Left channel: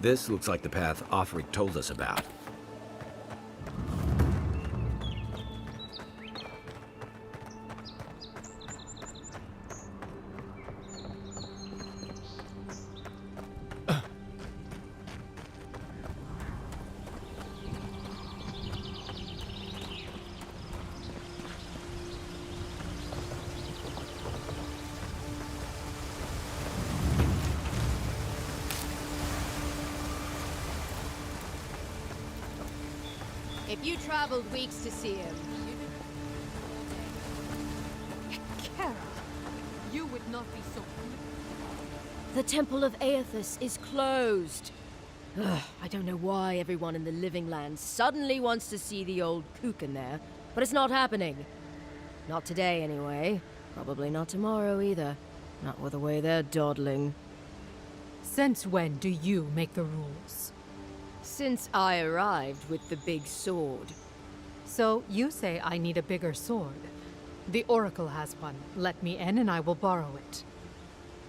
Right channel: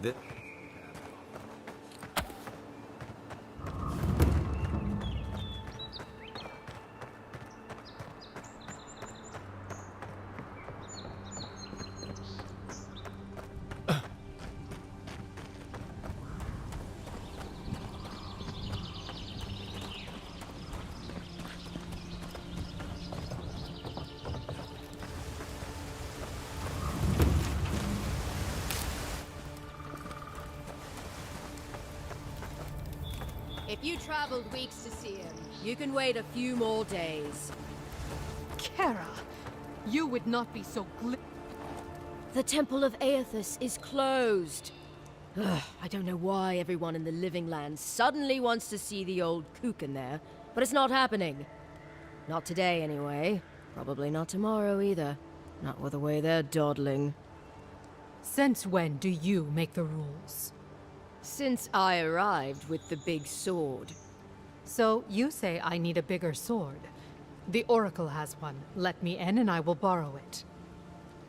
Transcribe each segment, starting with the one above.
This looks like the path Offric told us about. If you traveled weeks to see him, you can wait a few more days. Kara, you would not be so The Temple of Aethys is closed. Ugh, I don't know why everyone in the Living Land suddenly wants to see the old kook in there, but it's not happening. Not today, anyway. Probably not tomorrow, either. Not with the way they're dawdling. Since when do you make the rules? Since I arrived with the big sword. So you say I need a bigger sword. The Oracle has one. Let me in and I will borrow it.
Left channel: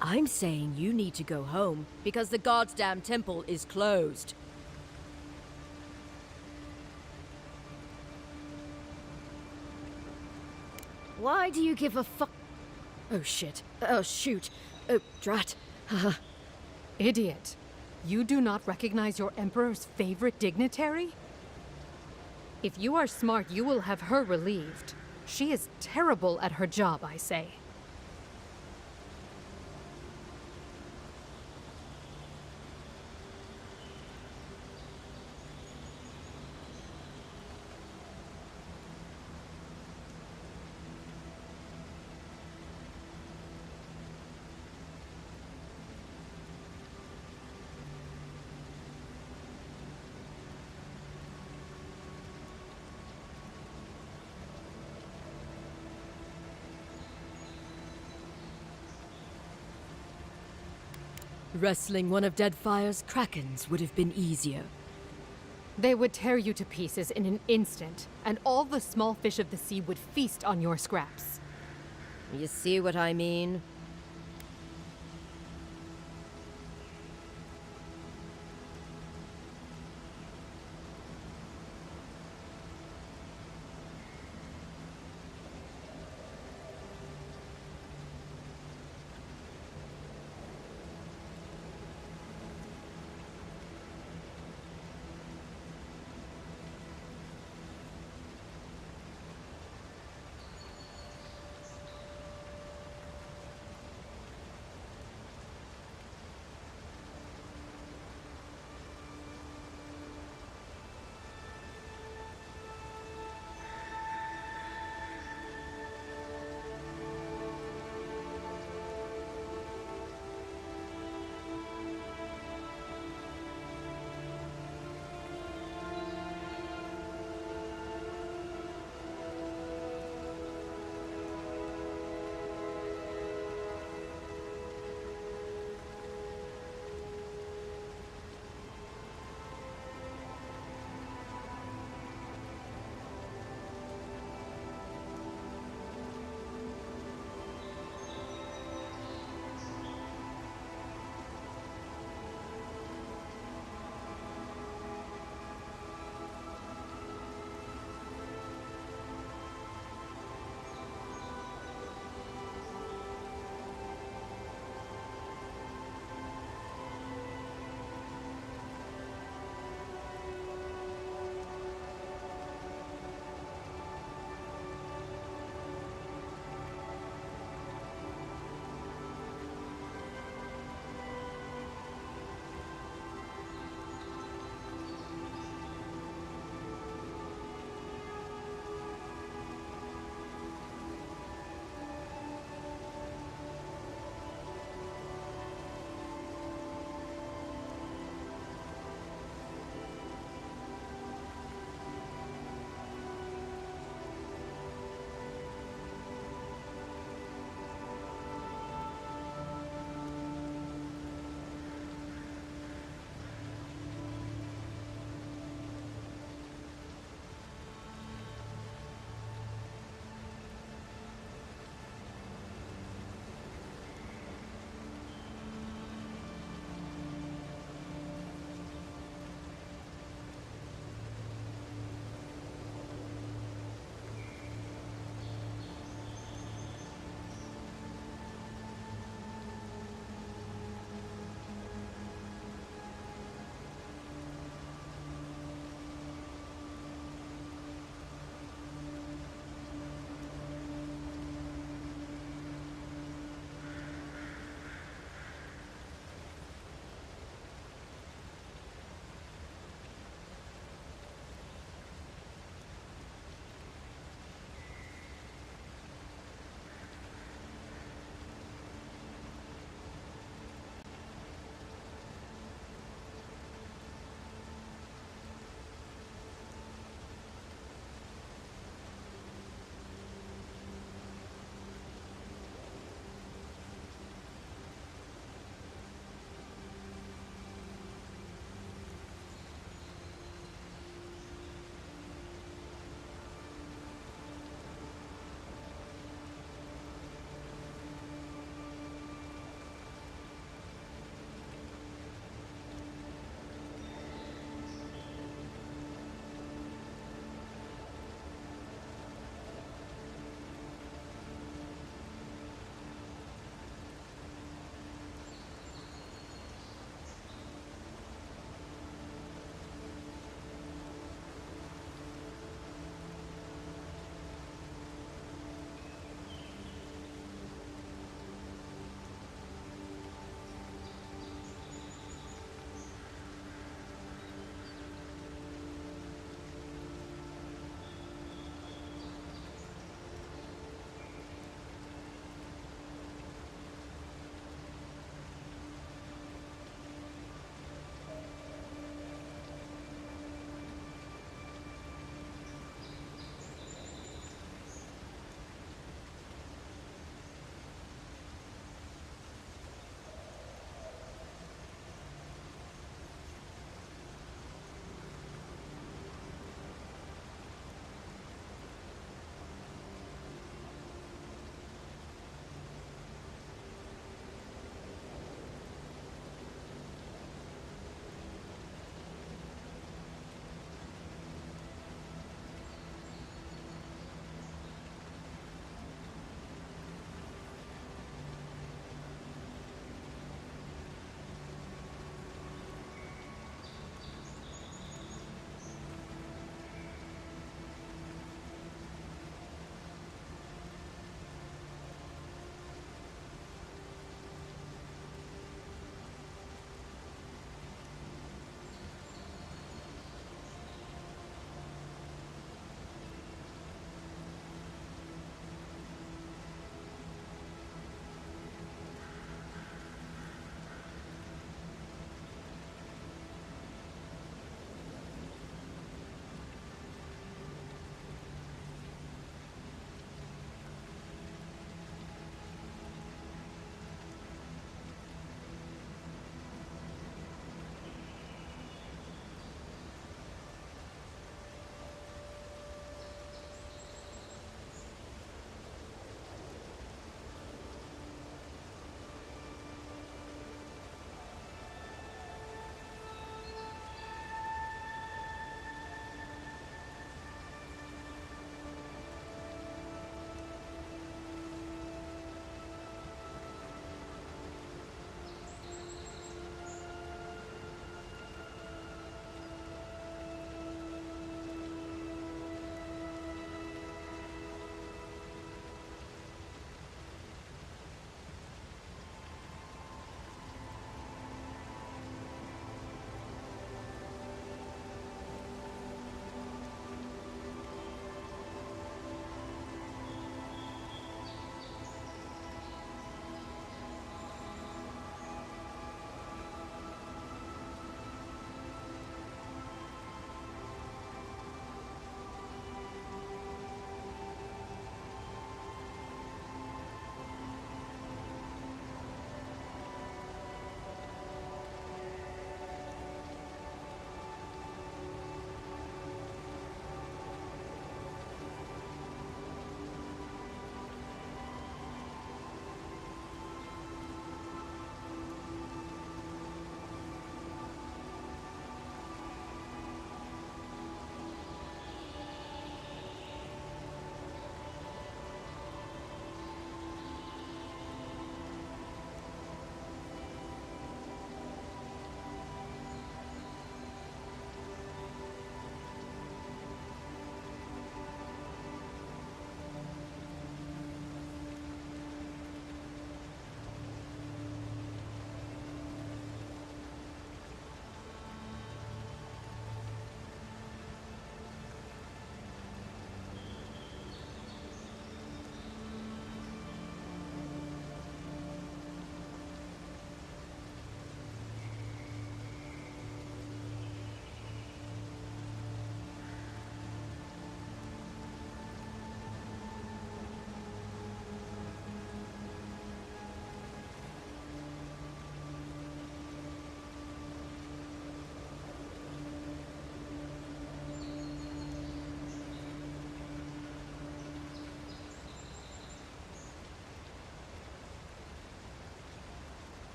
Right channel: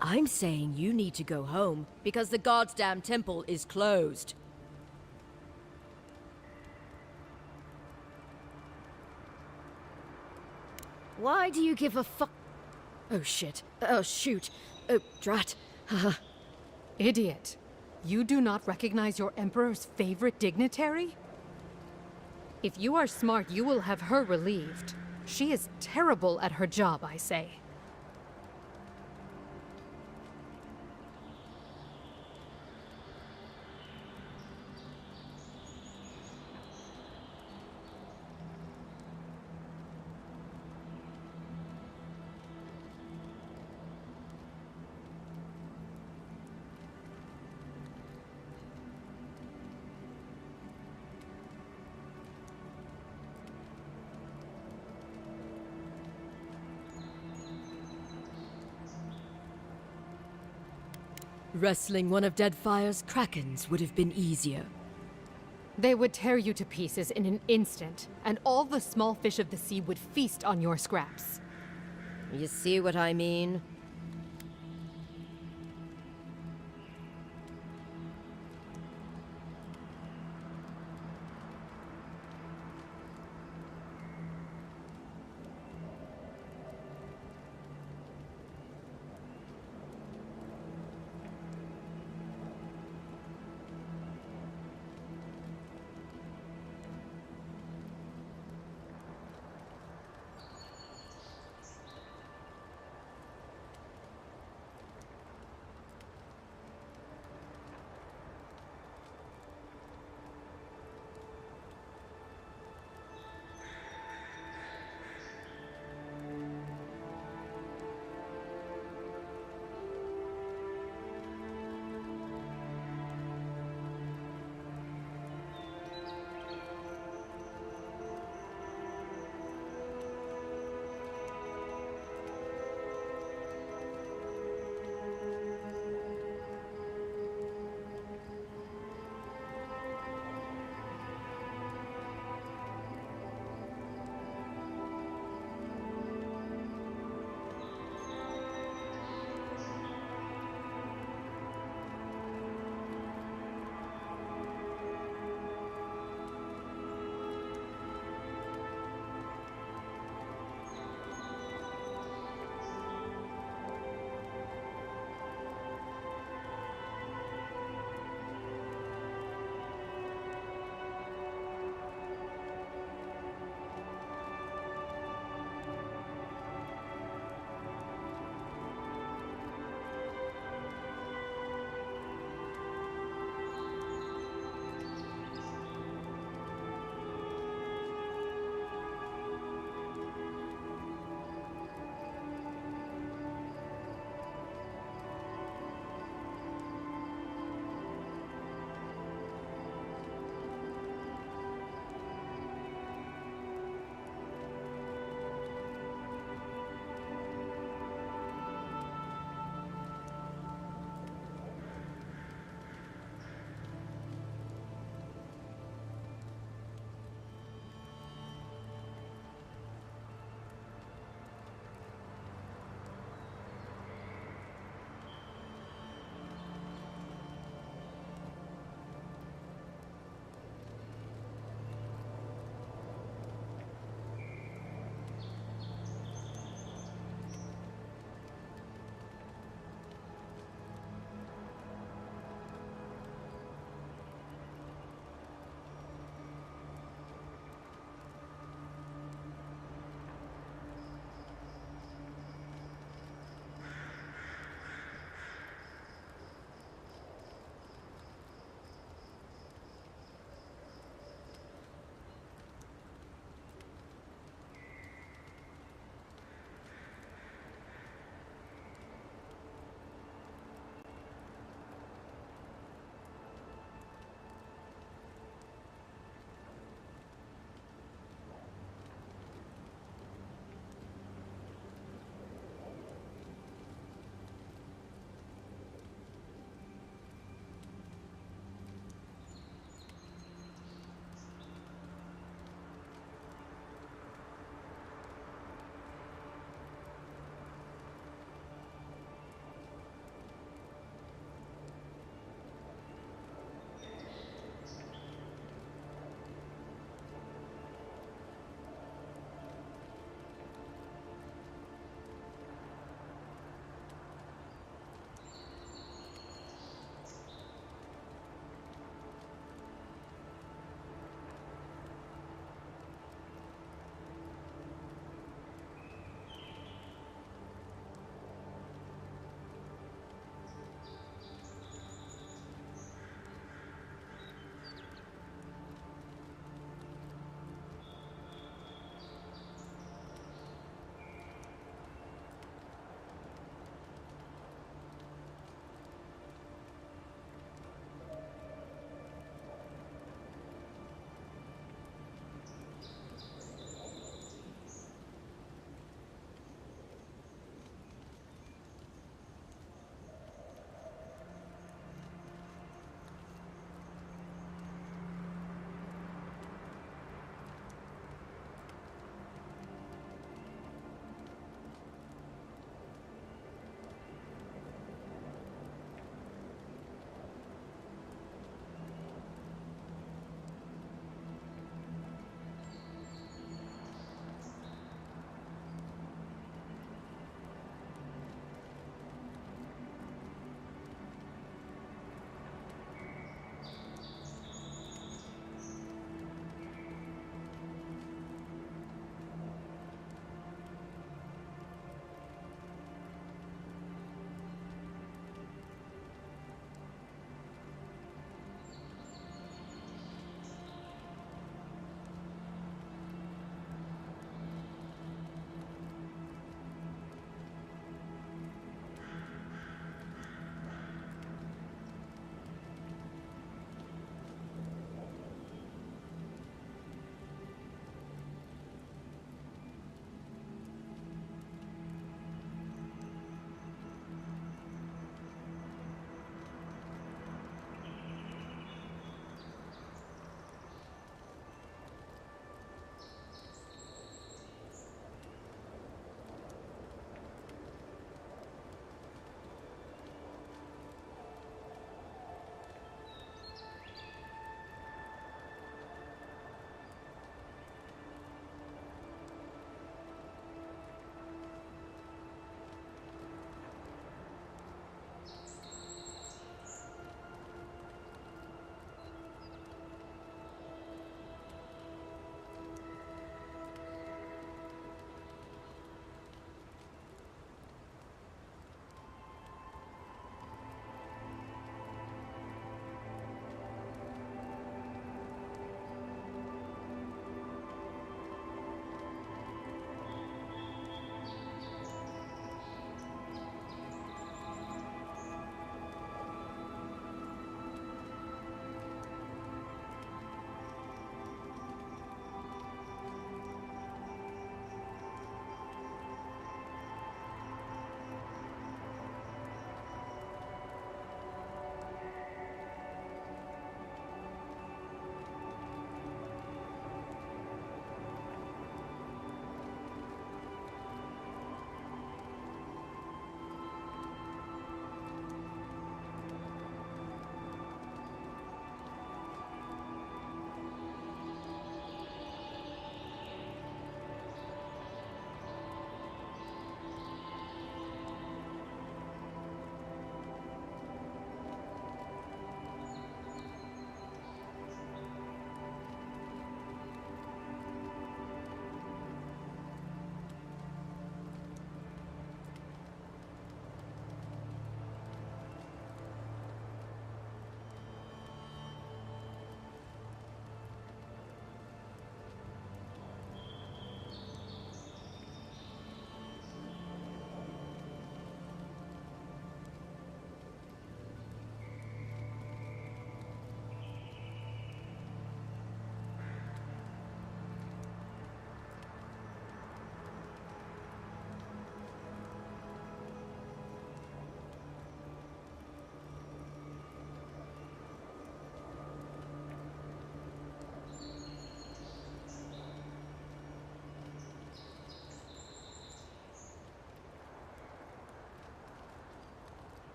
I'm saying you need to go home because the goddamn temple is closed. Why do you give a fuck? Oh shit. Oh shoot. Oh drat. Haha. Idiot. You do not recognize your Emperor's favorite dignitary? If you are smart, you will have her relieved. She is terrible at her job, I say. Wrestling one of Deadfire's krakens would have been easier. They would tear you to pieces in an instant, and all the small fish of the sea would feast on your scraps. You see what I mean?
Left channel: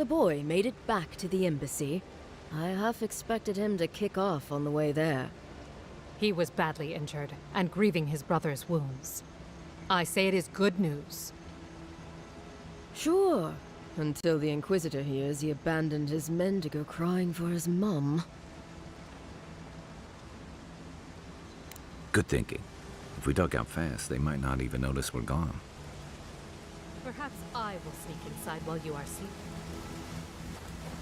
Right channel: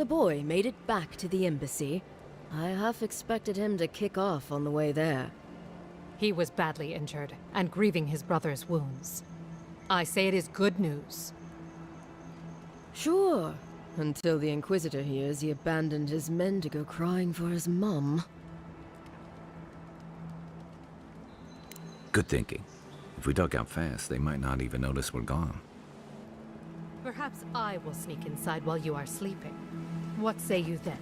The boy made it back to the embassy. I half expected him to kick off on the way there. He was badly injured and grieving his brother's wounds. I say it is good news. Sure, until the Inquisitor hears he abandoned his men to go crying for his mum. Good thinking. If we duck out fast, they might not even notice we're gone. Perhaps I will sneak inside while you are sleeping. What say you then?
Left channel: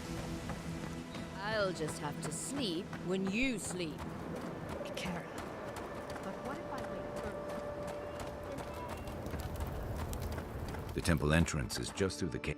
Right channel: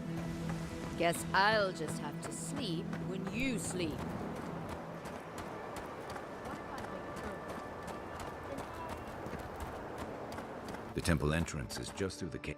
Guess I'll just have to sleep when you sleep. Be careful. But what if I wait early? The temple entrance is just through the cave.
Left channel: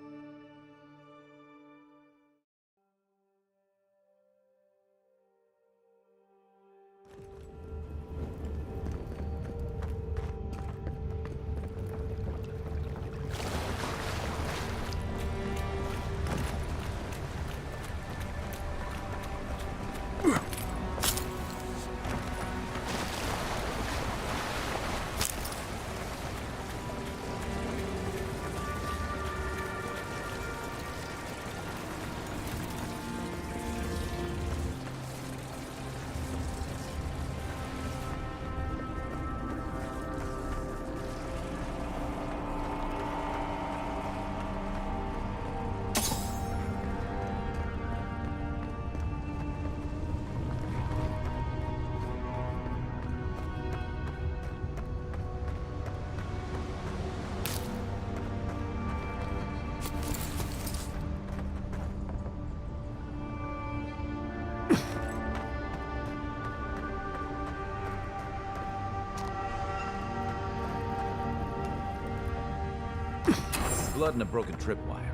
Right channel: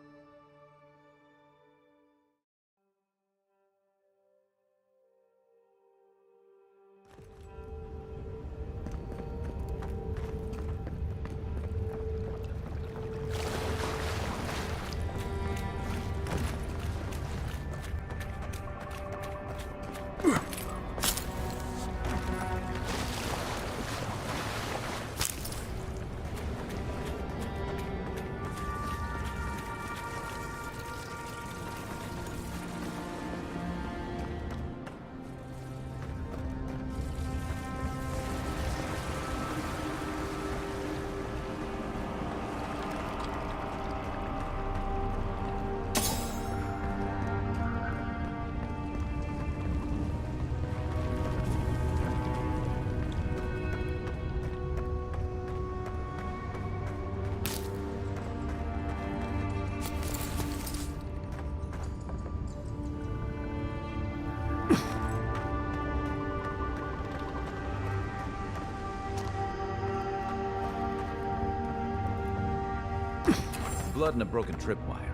Blood and a broken tripwire.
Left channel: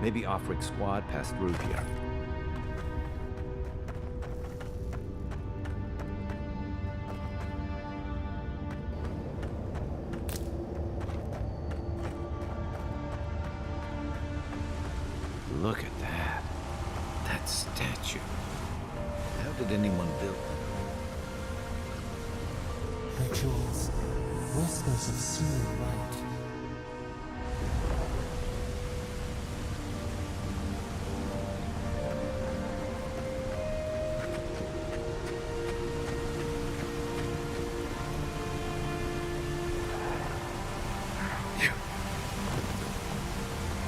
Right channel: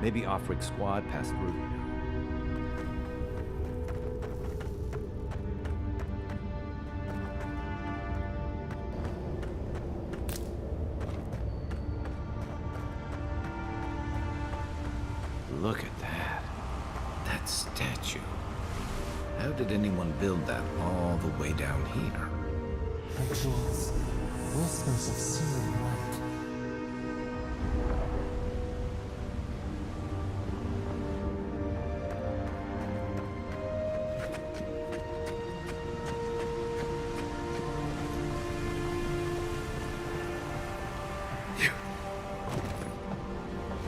Maybe Offric's squad passed through here. Look at that. That statue. How did anyone build that all the way down here? Rituals, whispers of searing light.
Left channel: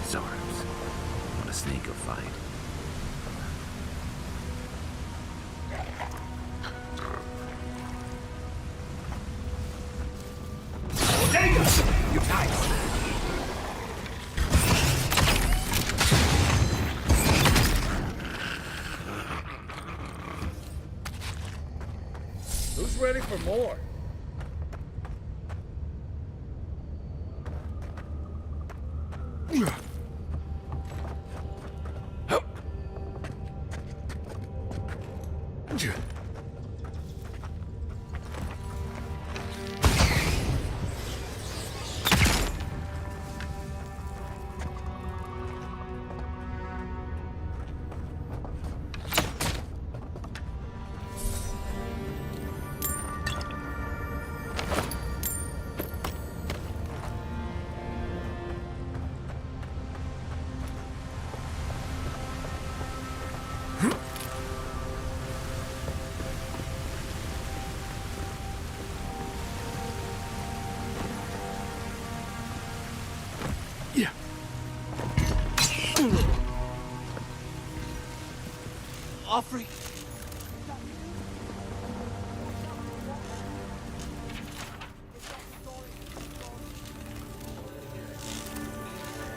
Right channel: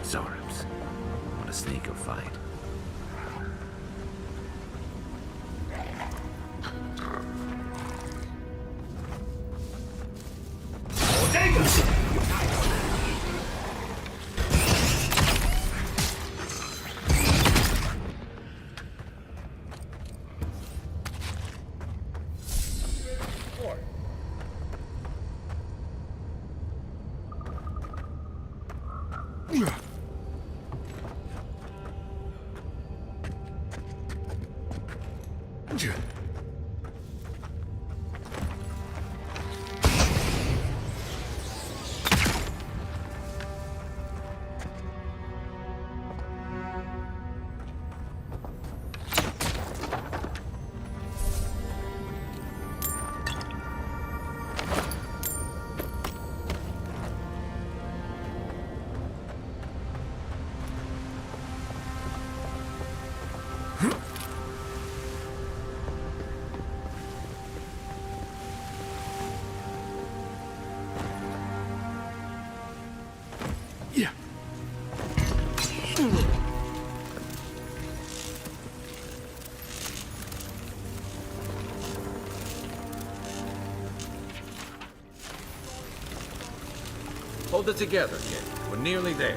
Zorubs. Want to sneak a fight? Who's ready for more? Offering. Hold it together, kid. We're nearly there.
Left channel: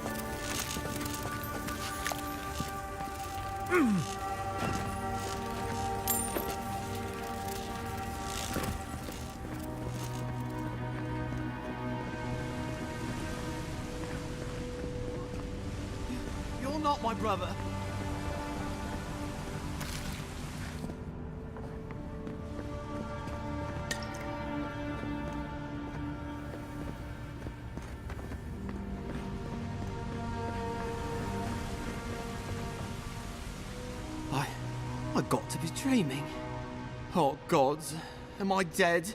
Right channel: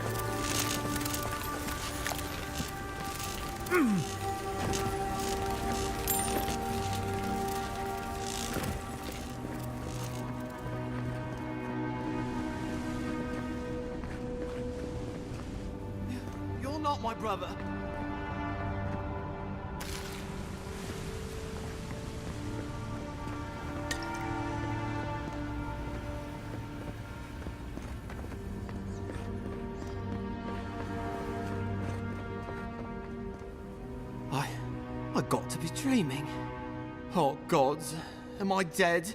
You're not my brother. I got to be dreaming. Oh gods, am I dead?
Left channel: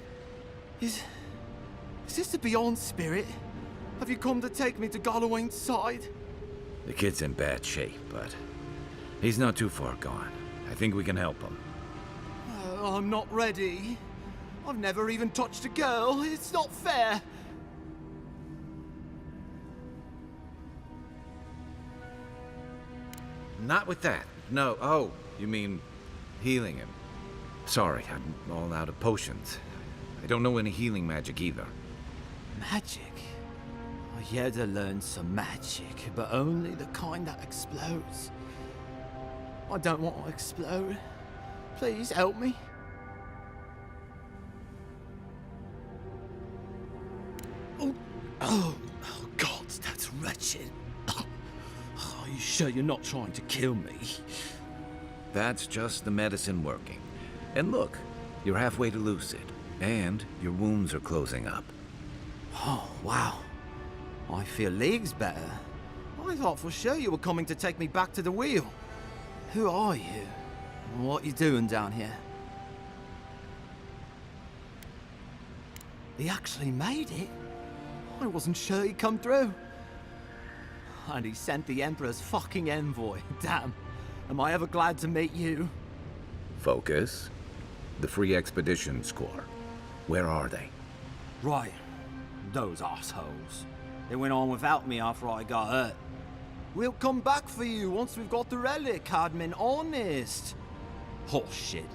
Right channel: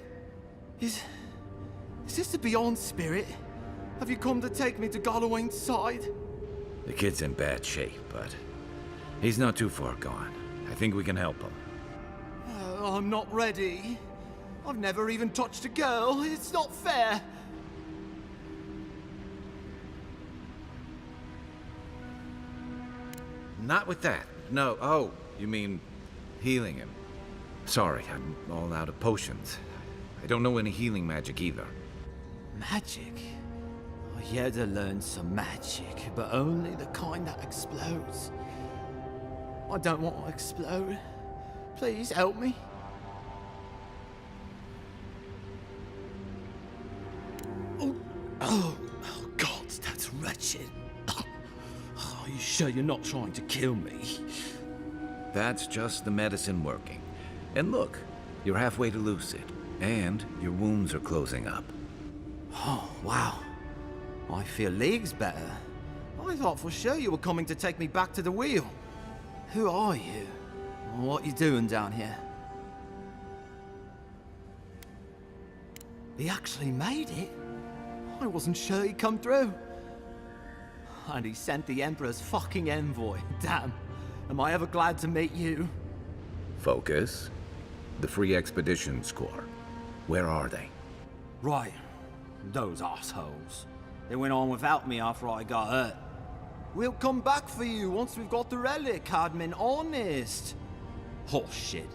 Is this the Beyond Spirit? Have you come to take me to Galawain's side? The kid's in bad shape, but he's not too far gone. I think we can help him. I'm not ready. I've never even touched a girl. It's not fair. Not with that. No. Oh, you mean healing him. Sorry, I'm all out of potions. I don't know any healing magic either. Magic? I had to learn some magic, but only the kind that explodes. I don't want to explode. Please help me. Oh, God, that's wretched. Are you sure you're not trying to kill me? That's just the medicine working. And look, you're halfway to lucid, and your wounds are closing up. Oh, wow. I feel leagues better. I thought for sure you were coming to take me back to the wheel. Who are you? What you doing down here? He actually made it? I wasn't sure he'd come through. And he sent the Emperor's fucking envoy. Damn. Am I ever glad to meet you? Focus. The Free Expeditions Corps. Where are they? Right. Those assholes. They went on without me after I got hurt. We'll come back for you once we've got the relic, Admin. Honest. Oh, shit.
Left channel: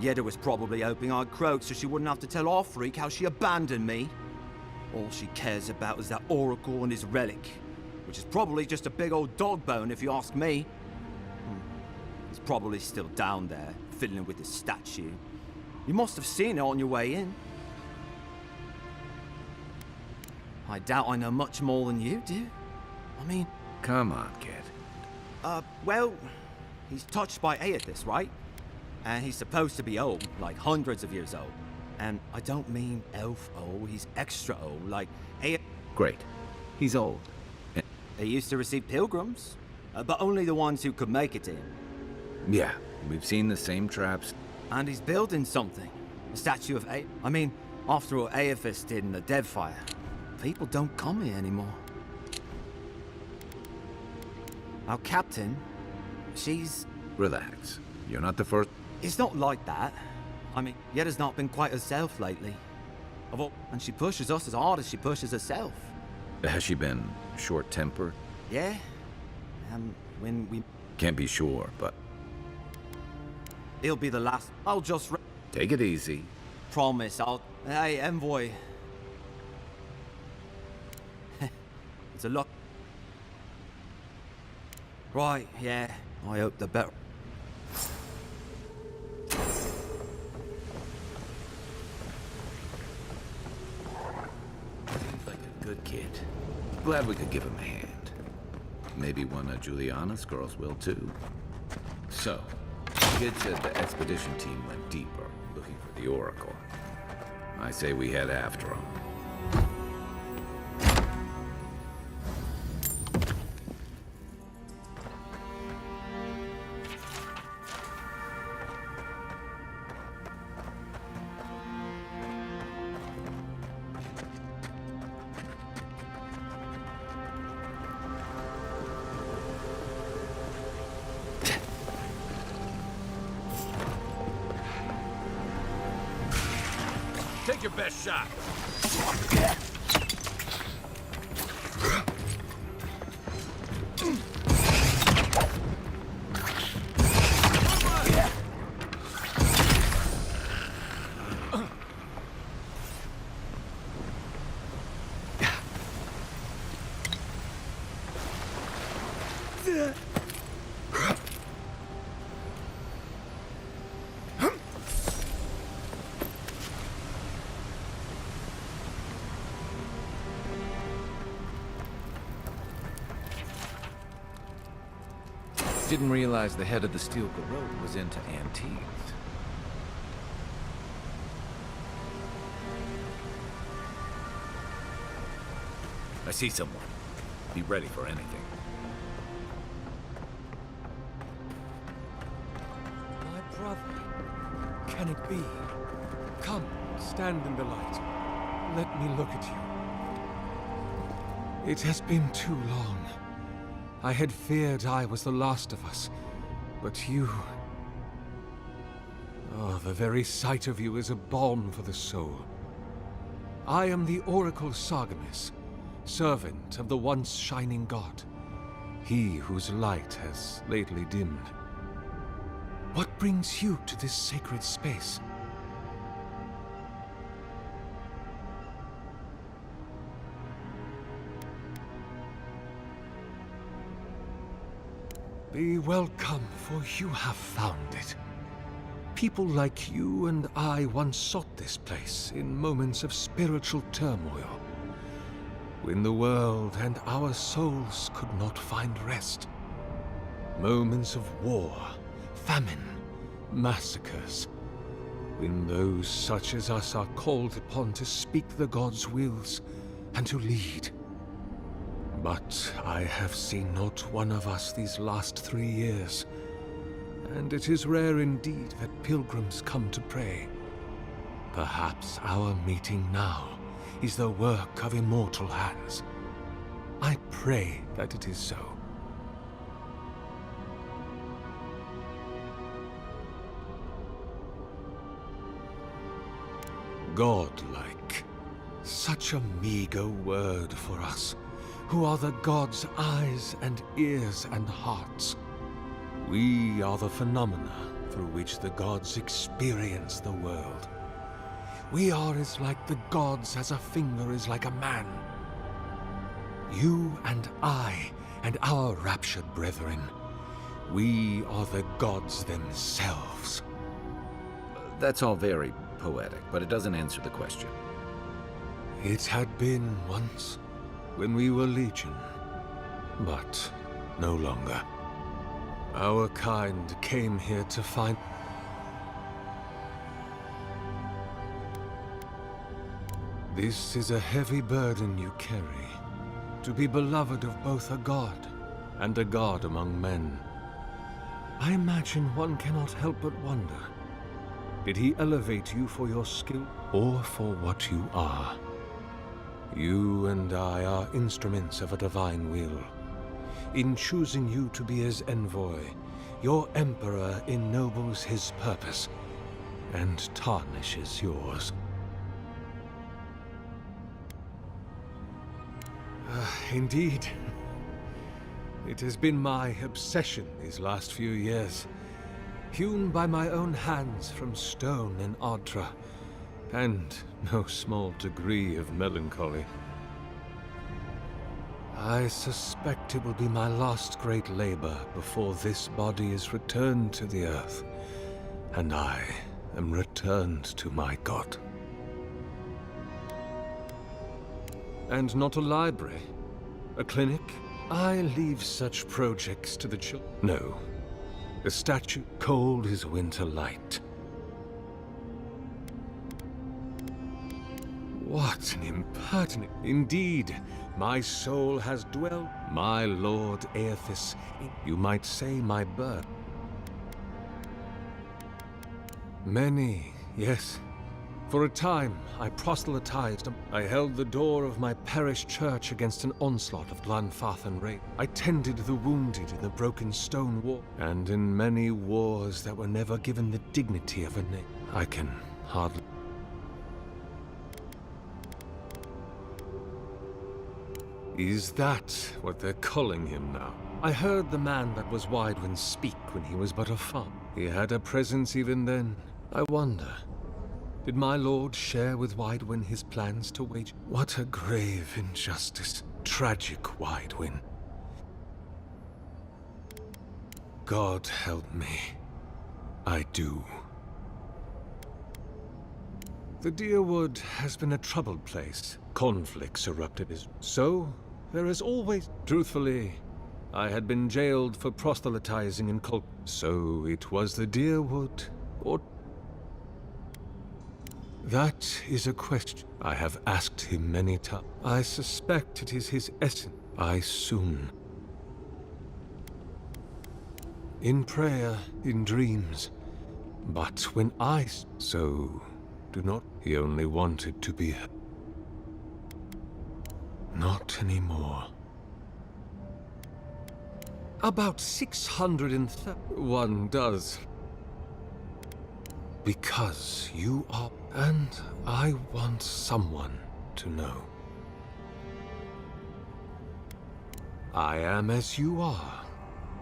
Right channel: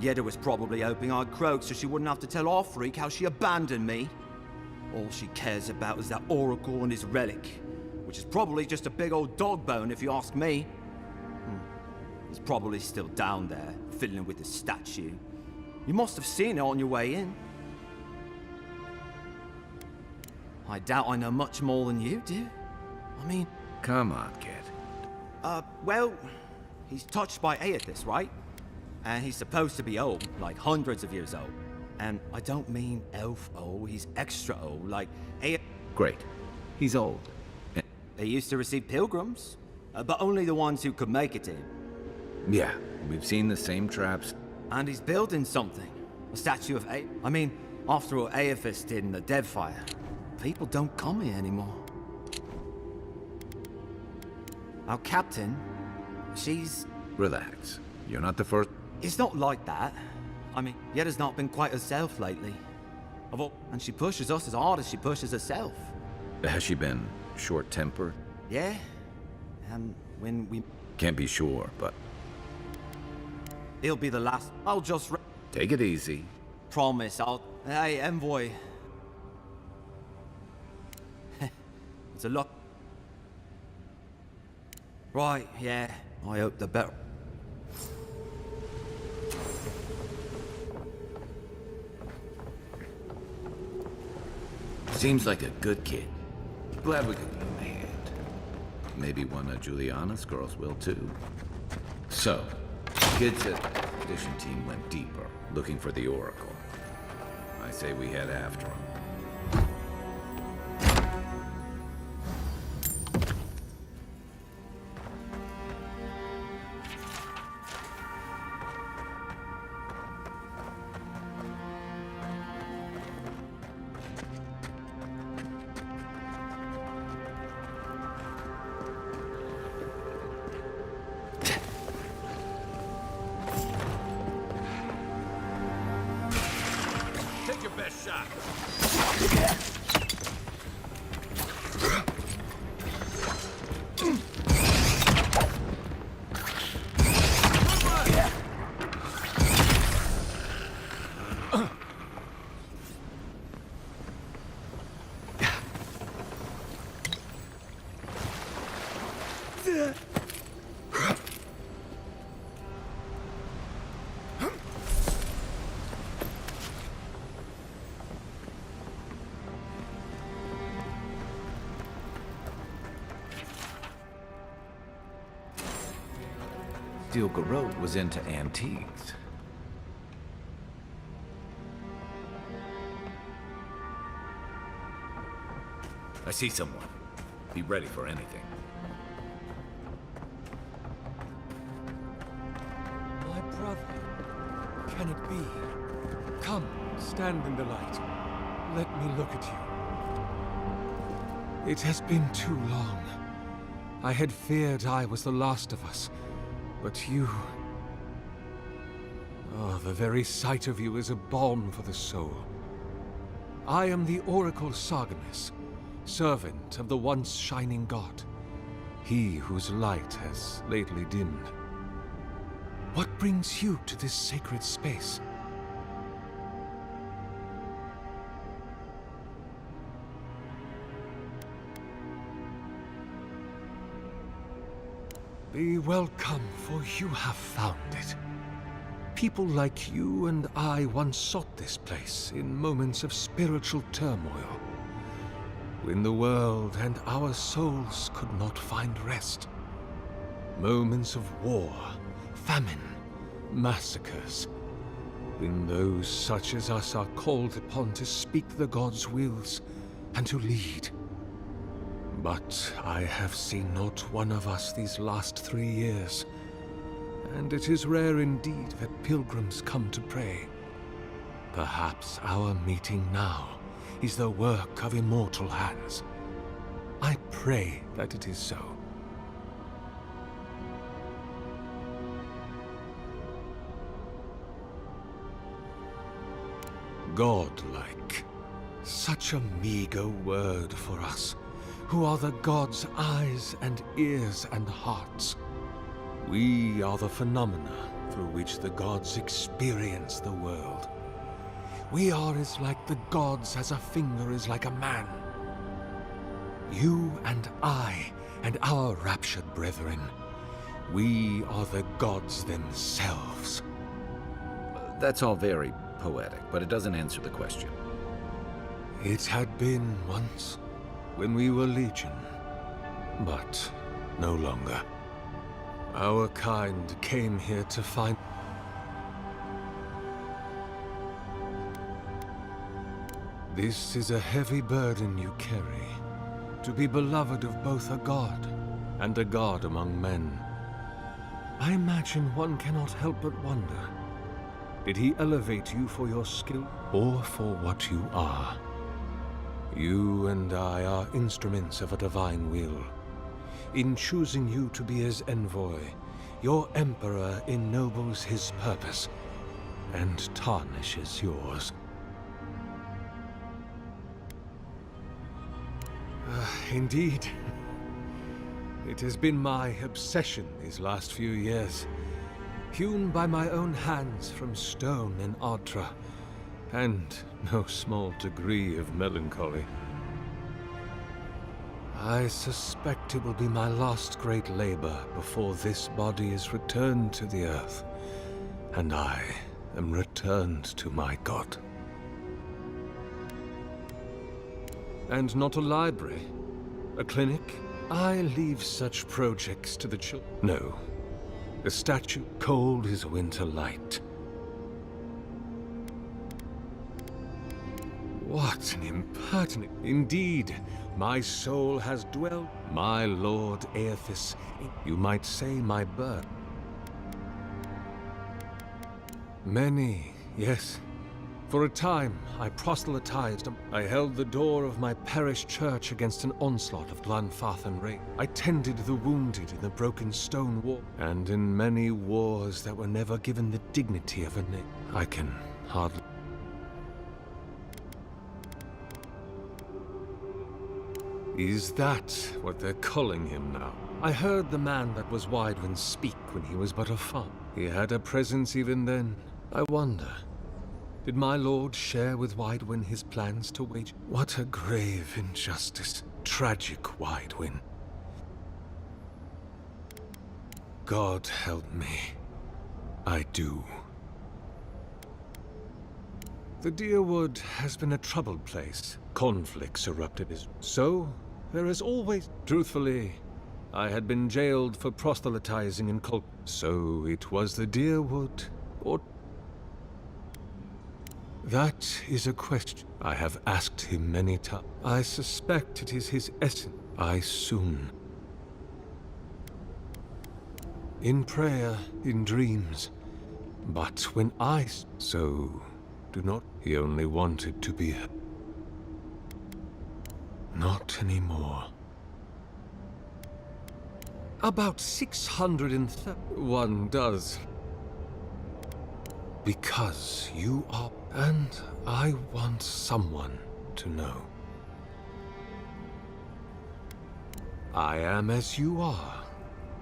Yeda was probably hoping I'd croak so she wouldn't have to tell our freak how she abandoned me. All she cares about is that Oracle and his relic, which is probably just a big old dog bone if you ask me. He's probably still down there, fiddling with the statue. You must have seen it on your way in. I doubt I know much more than you do. I mean... Come on, kid. Well, he's touched by Aethys, right? And he's supposed to be old, like hundreds of years old. And I don't mean elf old, he's extra old, like Great. He's old. They used to receive pilgrims, but only the ones who could make it to him. Yeah, we've seen the same traps. And he's building something. A statue of I mean, after all Aethys did in the Deadfire, people don't come here anymore. Our captain, she's... Relax. You're not the first... It's not like that. I mean, Yeda's not been quite herself lately. And she pushes us as hard as she pushes herself. Has she been short-tempered? Yeah. When we... Can't be sure, but... It'll be the last... I'll just... Take it easy. Promise, I'll... Hey, envoy. It's a lot... Right, yeah. I hope the better... Seems like a good kid. Glad we could give him a hand. Maybe one of Juliana's girls will too. So, kid said the expedition team went deeper, looking for the Oracle. I say we head after him. Take your best shot. Didn't realize the head of the steel garrote was into antiques. I see someone. Be ready for anything. My brother. Can it be? Come, stand in the light. Let me look at you. It has been too long. I had feared I was the last of us, but you... Oh, the very sight of you is a balm for the soul. I am the Oracle Sargemis, servant of the once shining god, he whose light has lately dimmed. What brings you to this sacred space? Be welcome, for you have found it. People like you and I once sought this place in moments of spiritual turmoil, when the world and our souls could not find rest. Moments of war, famine, massacres, when those such as us are called upon to speak the gods' wills and to lead. But I have seen not one of us these last 3 years, and it is rare indeed that pilgrims come to pray. Perhaps our meeting now is the work of immortal hands. I pray that it is so. Godlike. Such a meager word for us, who are the gods' eyes and ears and hearts. We are the phenomena through which the gods experience the world. We are as like the gods as a finger is like a man. You and I and our raptured brethren, we are the gods themselves. That's all very poetic, but it doesn't answer the question. It had been once, when we were legion, but no longer. Our kind came here to find... This is a heavy burden you carry, to be beloved of both a god and a god among men. I imagine one cannot help but wonder, did he elevate you for your skill or for what you are? You and I are instruments of a divine will. In choosing you to be his envoy, your emperor ennobles his purpose and tarnishes yours. Indeed. It has been my obsession these last few years. Hewn by my own hands from stone in Ardra, and no small degree of melancholy. I suspect it will be my last great labor before this body is returned to the earth, and I am returned to my god. And not a library? A clinic? I leave such projects to the children. No. A statue cold as winter light. What an impertinent... Indeed, my soul has dwelt... My lord Aethys, you might say my birth. Many, yes. For a time, I proselytized. I held the door of my parish church against an onslaught of Glanfath and Ray. I tended the wounded in the broken stone wall, and in many wars that were never given the dignity of a name. I can hardly... Is that what they're calling him now? I heard the man that was Widewin speak when he was but a fop. He had a presence even then. I wonder... Did my lord share with Widewin his plans to wage... What a grave injustice. Tragic Widewin. God help me. I do. The Deerwood has been a troubled place. Conflicts erupted as... So, there is always... Truthfully, I had been jailed for proselytizing in cult... So it was the Deerwood, or... That is a question I have asked him many times. I suspect it is his essence. I soon. In prayer, in dreams. But when I... So, do not... He only wanted to be... Not anymore. About 630. One does. Because you are... And I want someone to know. I am as you are,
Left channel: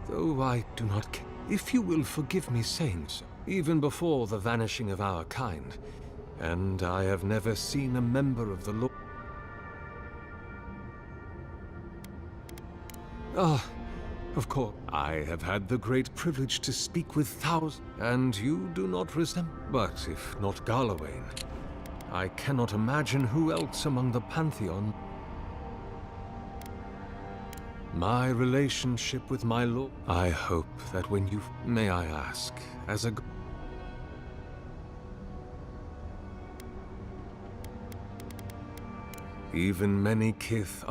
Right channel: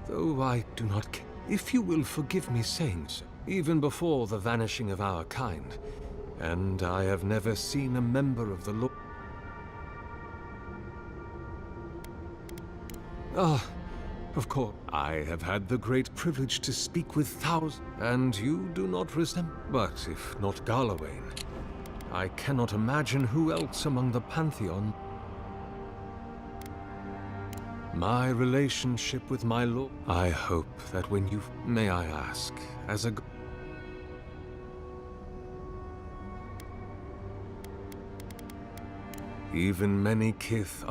though I do not care. If you will forgive me saying so, even before the vanishing of our kind, and I have never seen a member of the law. Ah, of course, I have had the great privilege to speak with thousands, and you do not resemble. But if not Garlawain, I cannot imagine who else among the Pantheon. My relationship with my lord. I hope that when you... May I ask, as a... Even many kith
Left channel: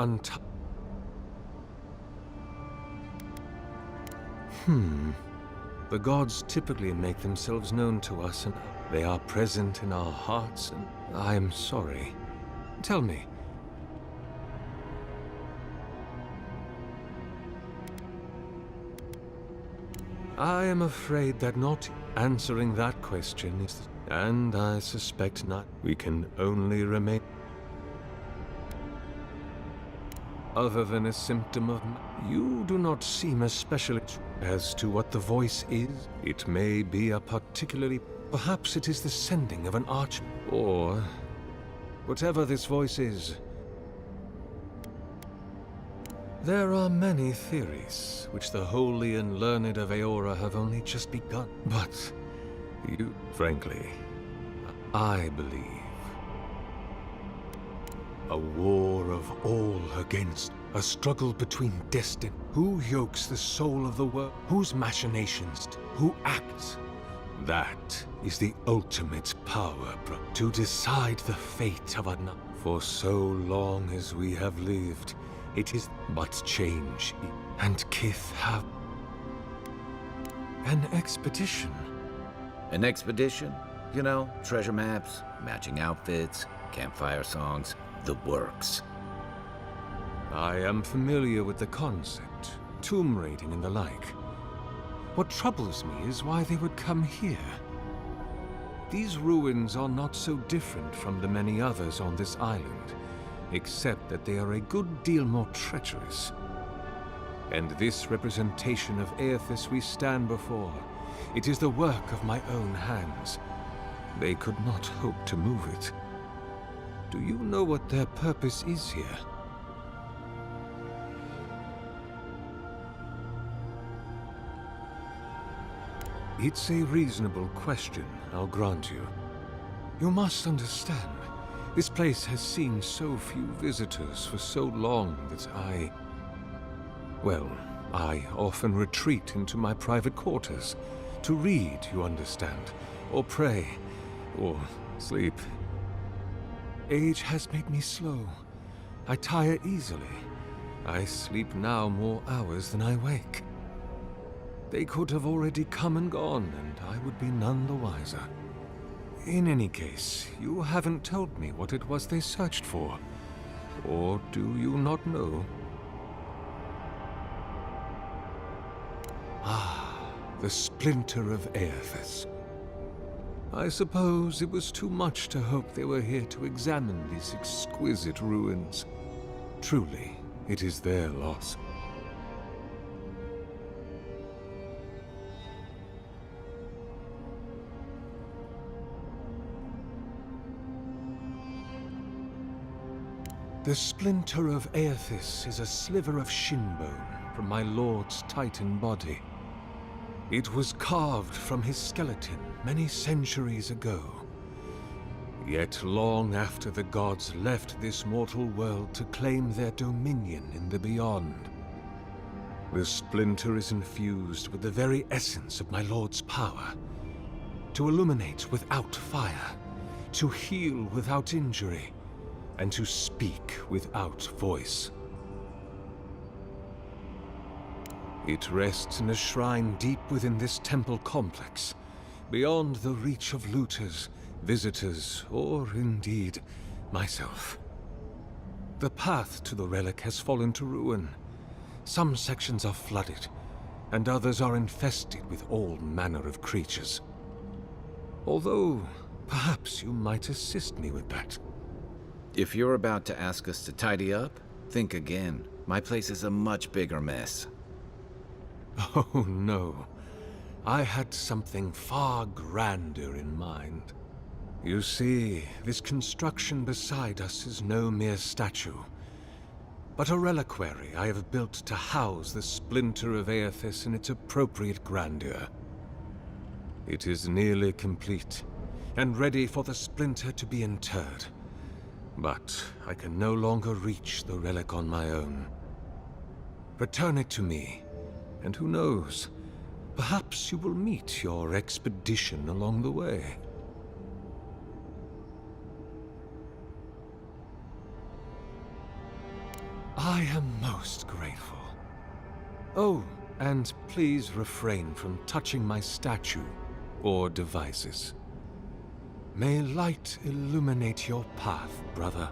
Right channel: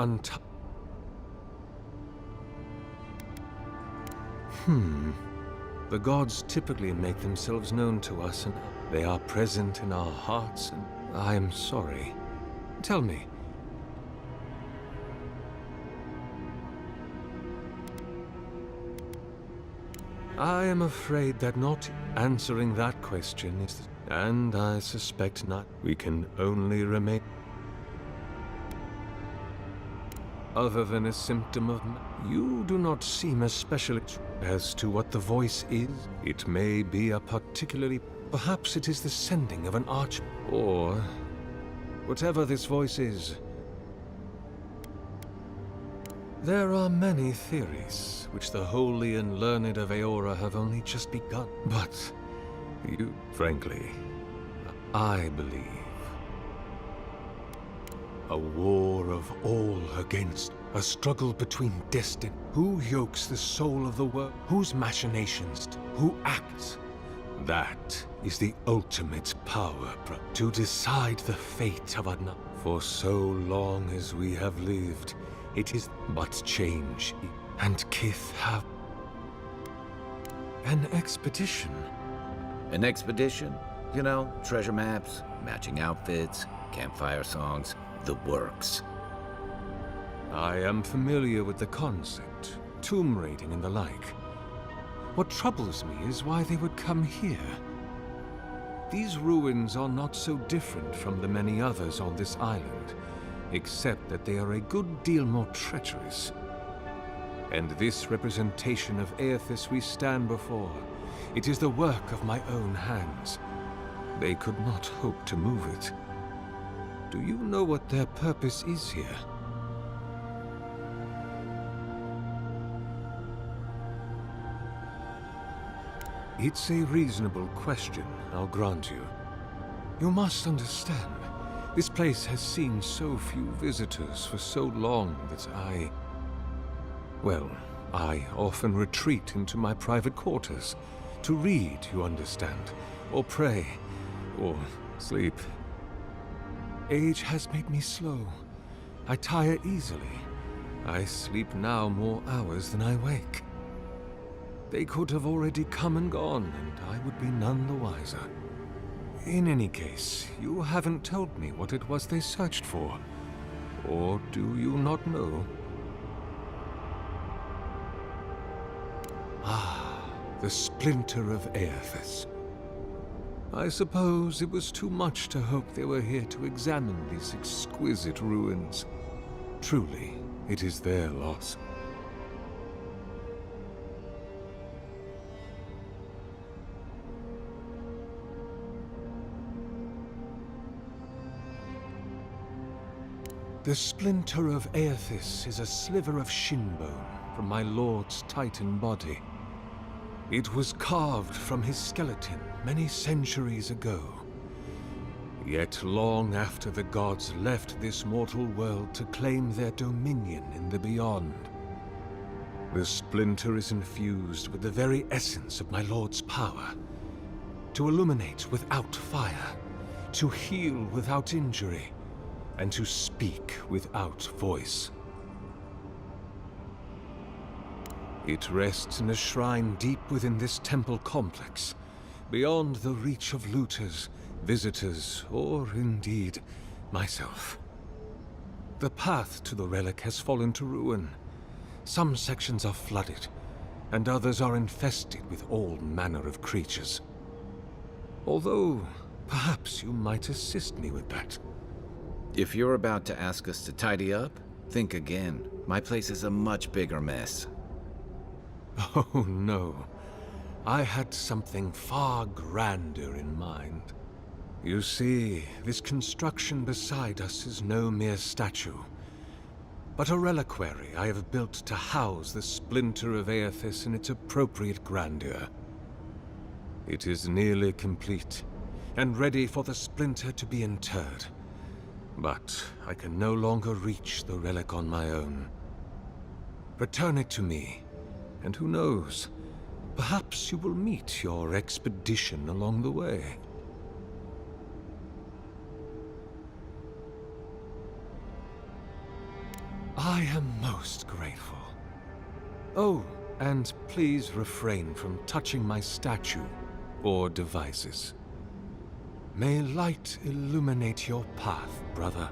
The gods typically make themselves known to us, and they are present in our hearts, and I am sorry. Tell me. I am afraid that not answering that question is and I suspect not. We can only remain other than a symptom of... You do not seem especially... As to what the voice is, it may be a particularly... Perhaps it is the sending of an arch... Or... Whatever this voice is... There are many theories, which the holy and learned of Eora have only just begun. But... You... Frankly... I believe... A war of all against, a struggle between destiny. Who yokes the soul of the world? Whose machinations? Who acts? That is the ultimate power, to decide the fate of another. For so long as we have lived, it is but change, and kith have... An expedition. An expedition? You know, treasure maps, matching outfits, campfire songs. The works. I am familiar with the concept, tomb raiding and the like. What troubles me is why they would come here. These ruins are not so different from the many others on this island, except that they are a good deal more treacherous. And this representation of Aethys we stand before, it is the work of my own hands. They could not hope to move it. Do you know what their purpose is here? It's a reasonable question, I'll grant you. You must understand, this place has seen so few visitors for so long that well, I often retreat into my private quarters. To read, you understand, or pray, or sleep. Age has made me slow. I tire easily. I sleep now more hours than I wake. They could have already come and gone, and I would be none the wiser. In any case, you haven't told me what it was they searched for. Or do you not know? Ah, the splinter of Aethys. I suppose it was too much to hope they were here to examine these exquisite ruins. Truly, it is their loss. The splinter of Aethys is a sliver of shinbone from my lord's titan body. It was carved from his skeleton many centuries ago. Yet long after the gods left this mortal world to claim their dominion in the beyond, the splinter is infused with the very essence of my lord's power. To illuminate without fire, to heal without injury, and to speak without voice. It rests in a shrine deep within this temple complex, beyond the reach of looters, visitors, or indeed, myself. The path to the relic has fallen to ruin. Some sections are flooded, and others are infested with all manner of creatures. Although, perhaps you might assist me with that. If you're about to ask us to tidy up, think again. My place is a much bigger mess. Oh, no. I had something far grander in mind. You see, this construction beside us is no mere statue, but a reliquary I have built to house the splinter of Aethys in its appropriate grandeur. It is nearly complete, and ready for the splinter to be interred. But I can no longer reach the relic on my own. Return it to me, and who knows, perhaps you will meet your expedition along the way. I am most grateful. Oh, and please refrain from touching my statue or devices. May light illuminate your path, brother.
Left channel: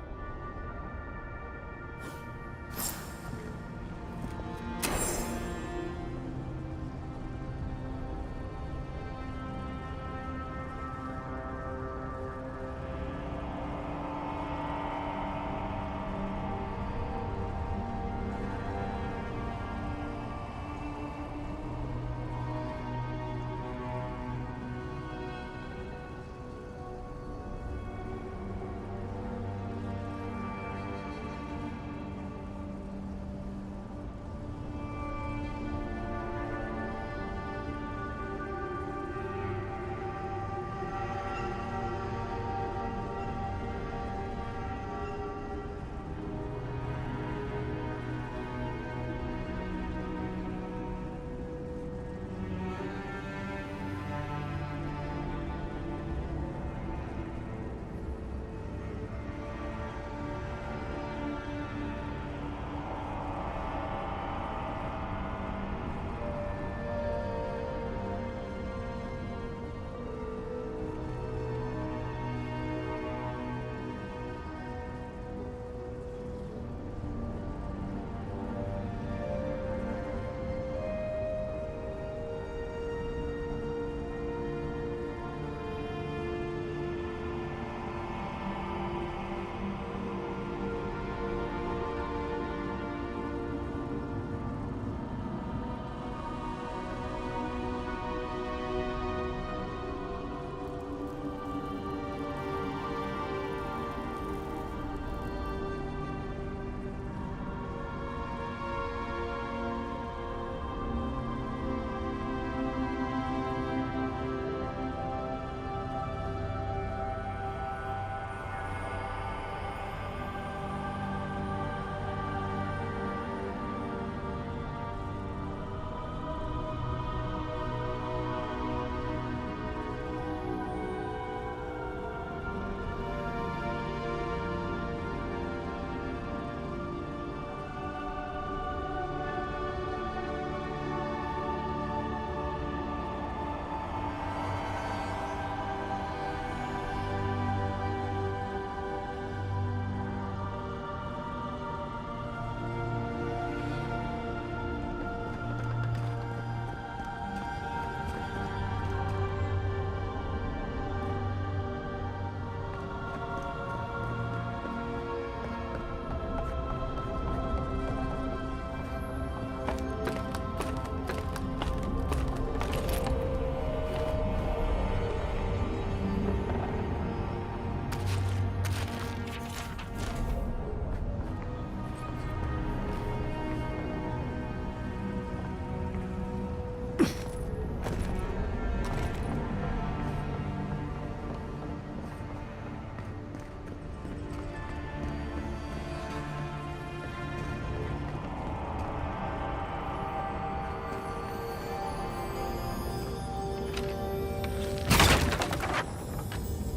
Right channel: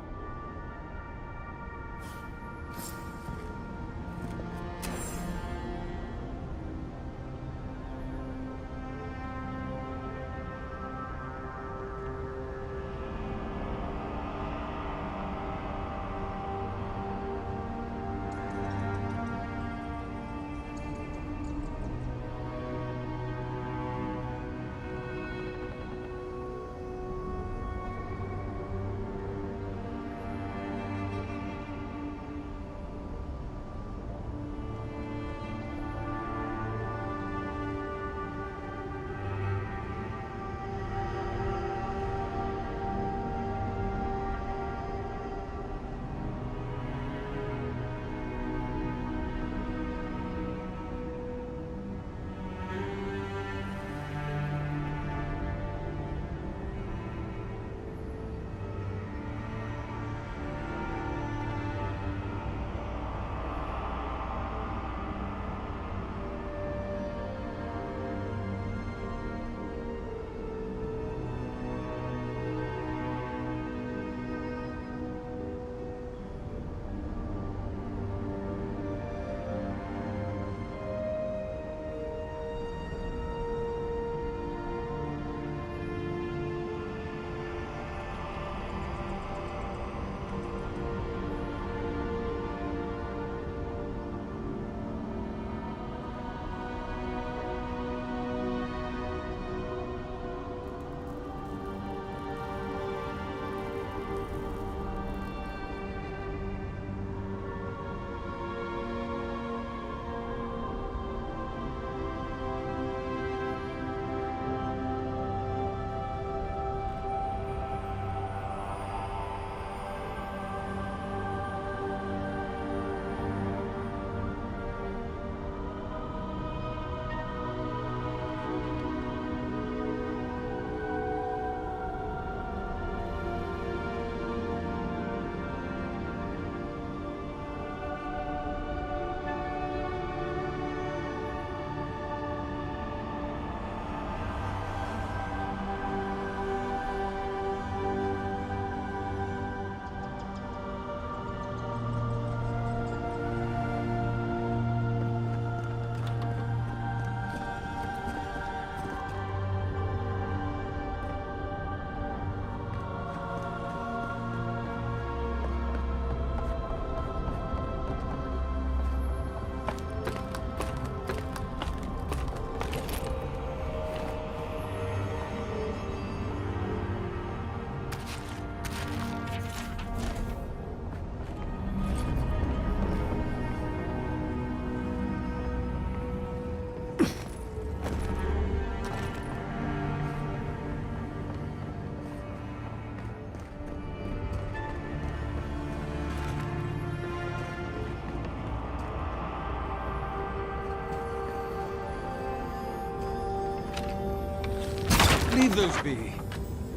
Leave those be.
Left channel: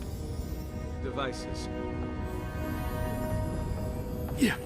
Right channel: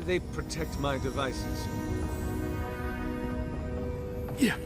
They protect my devices. Yeah.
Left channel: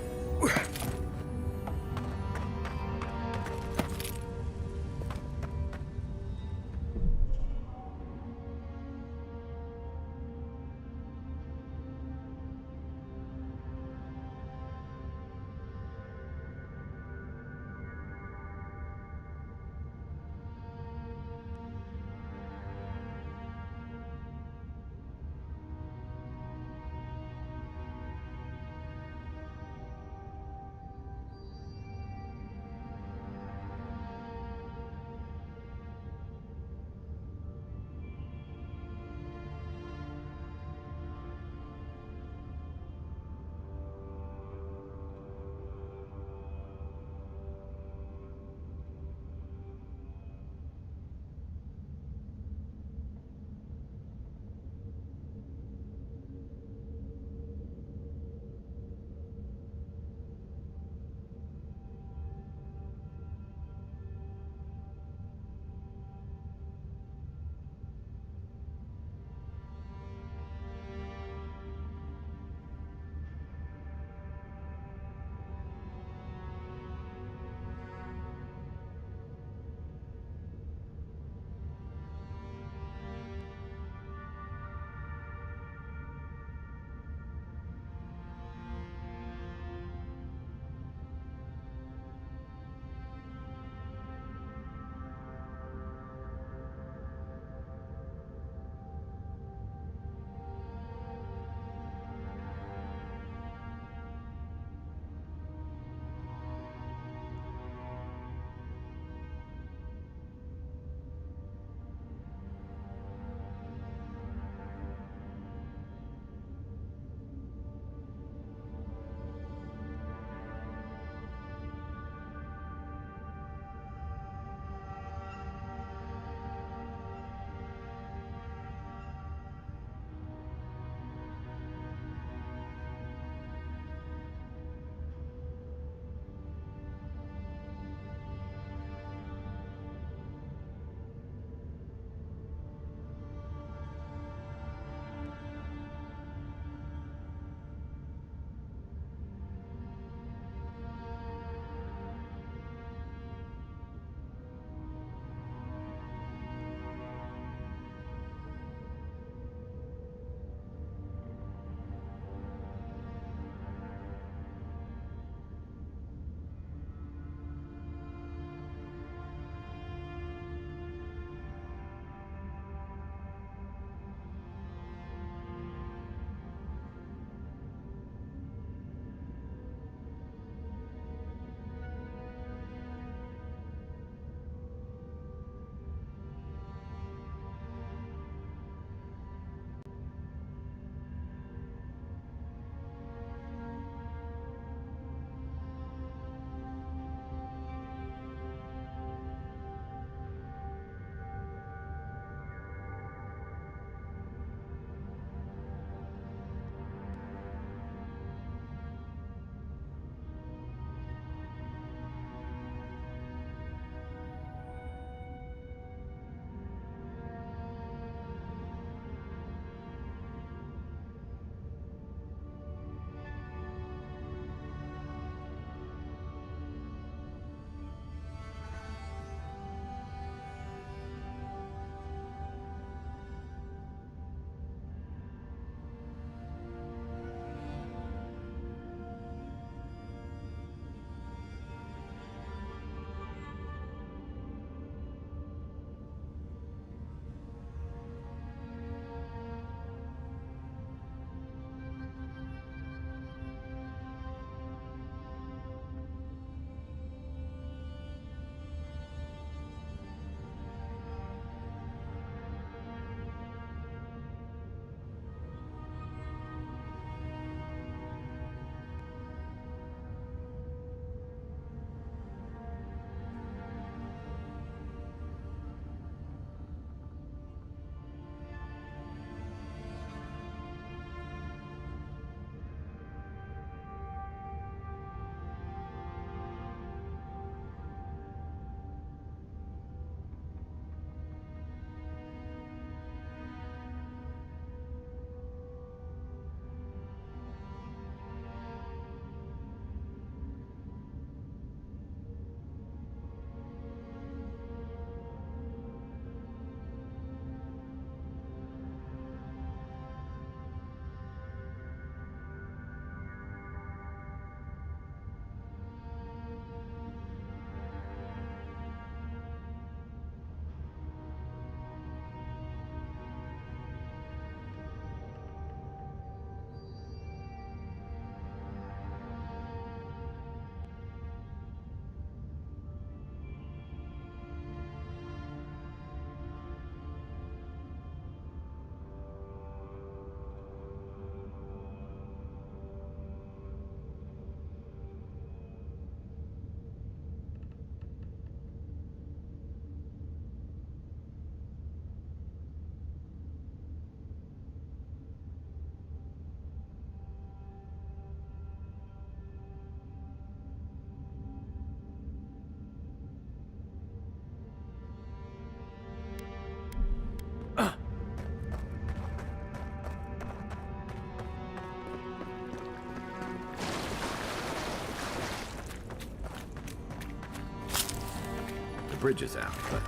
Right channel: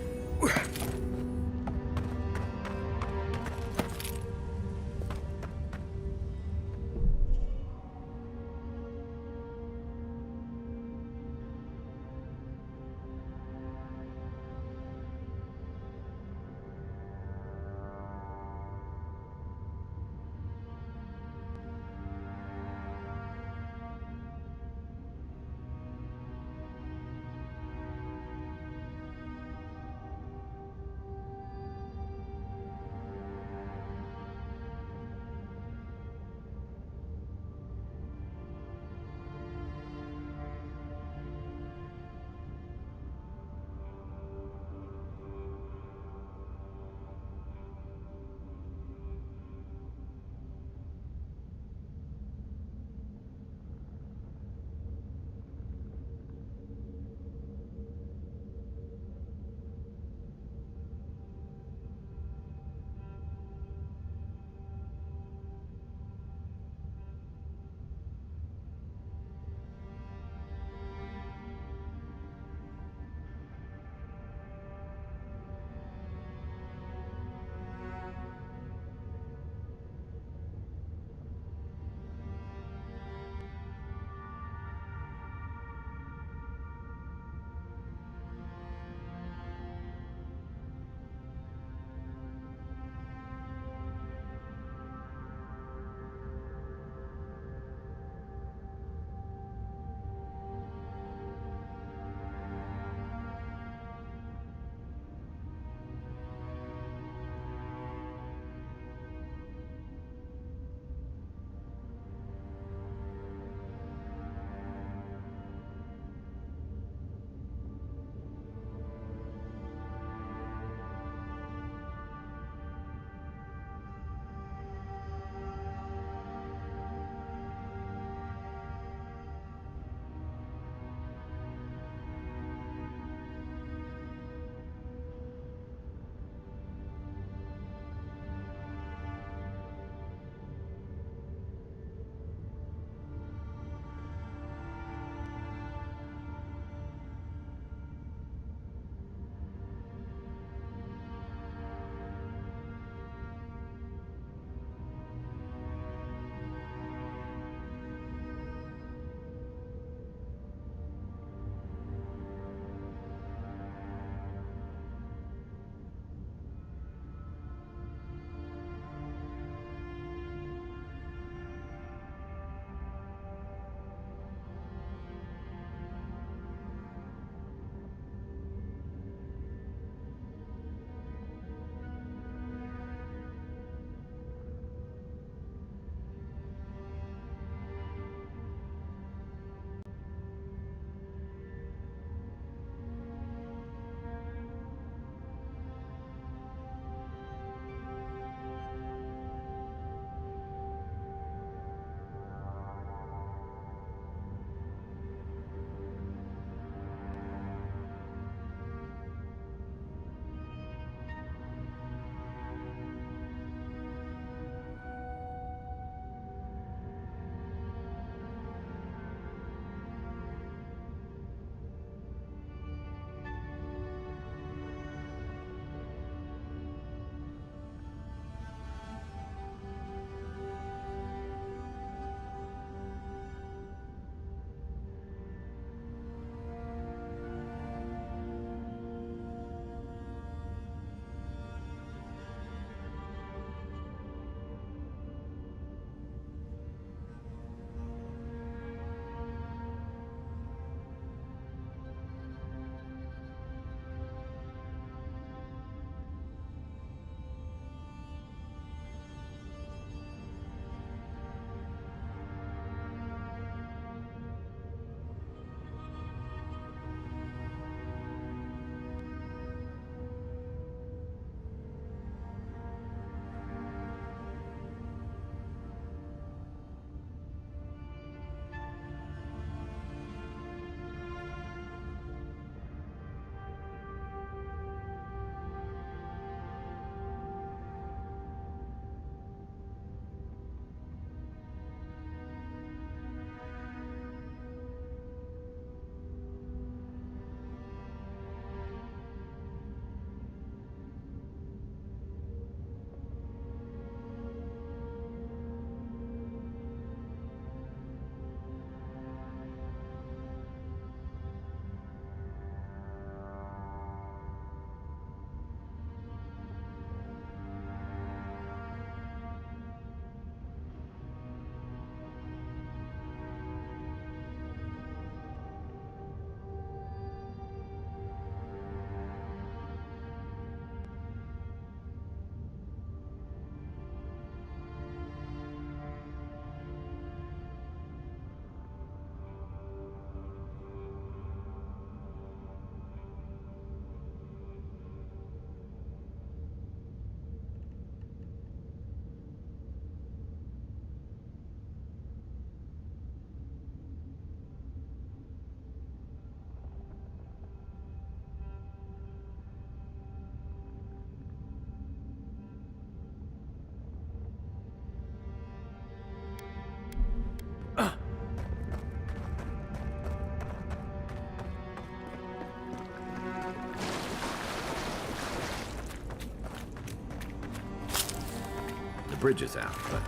The bridge is out, but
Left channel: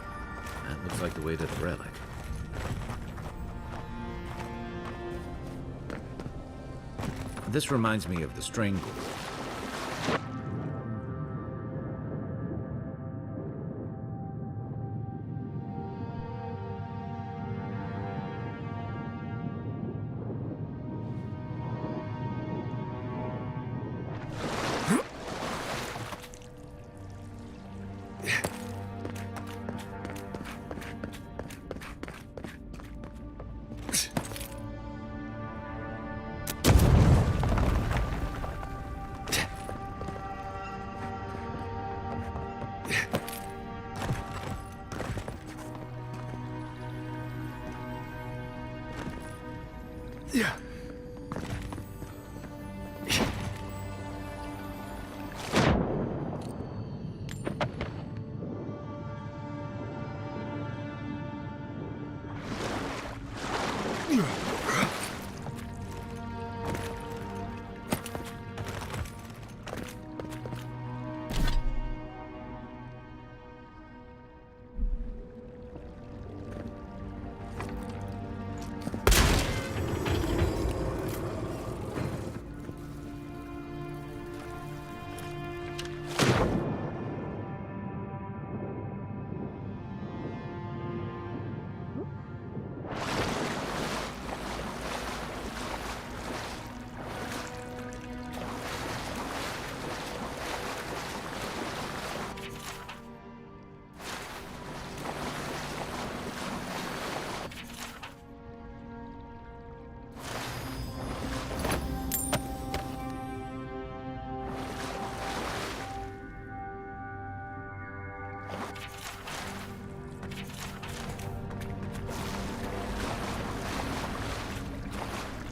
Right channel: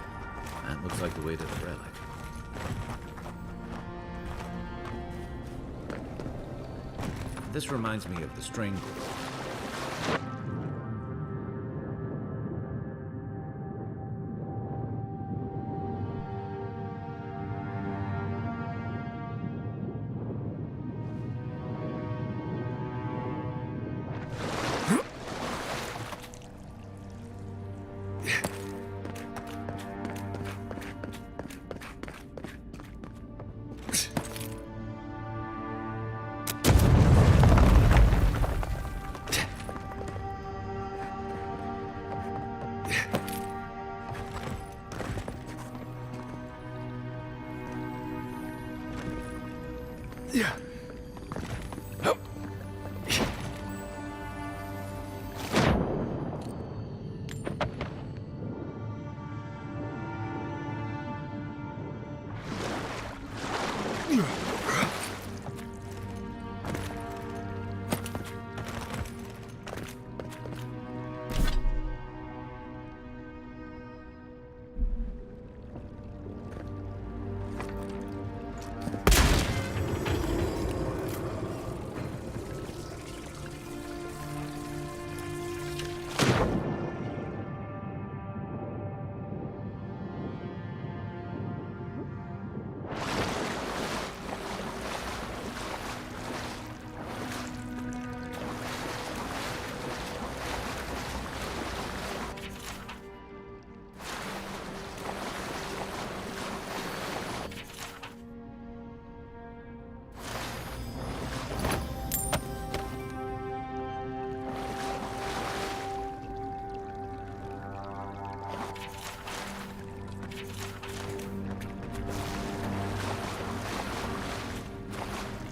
that looks like the way to the relic. This reminds me of the Strangle.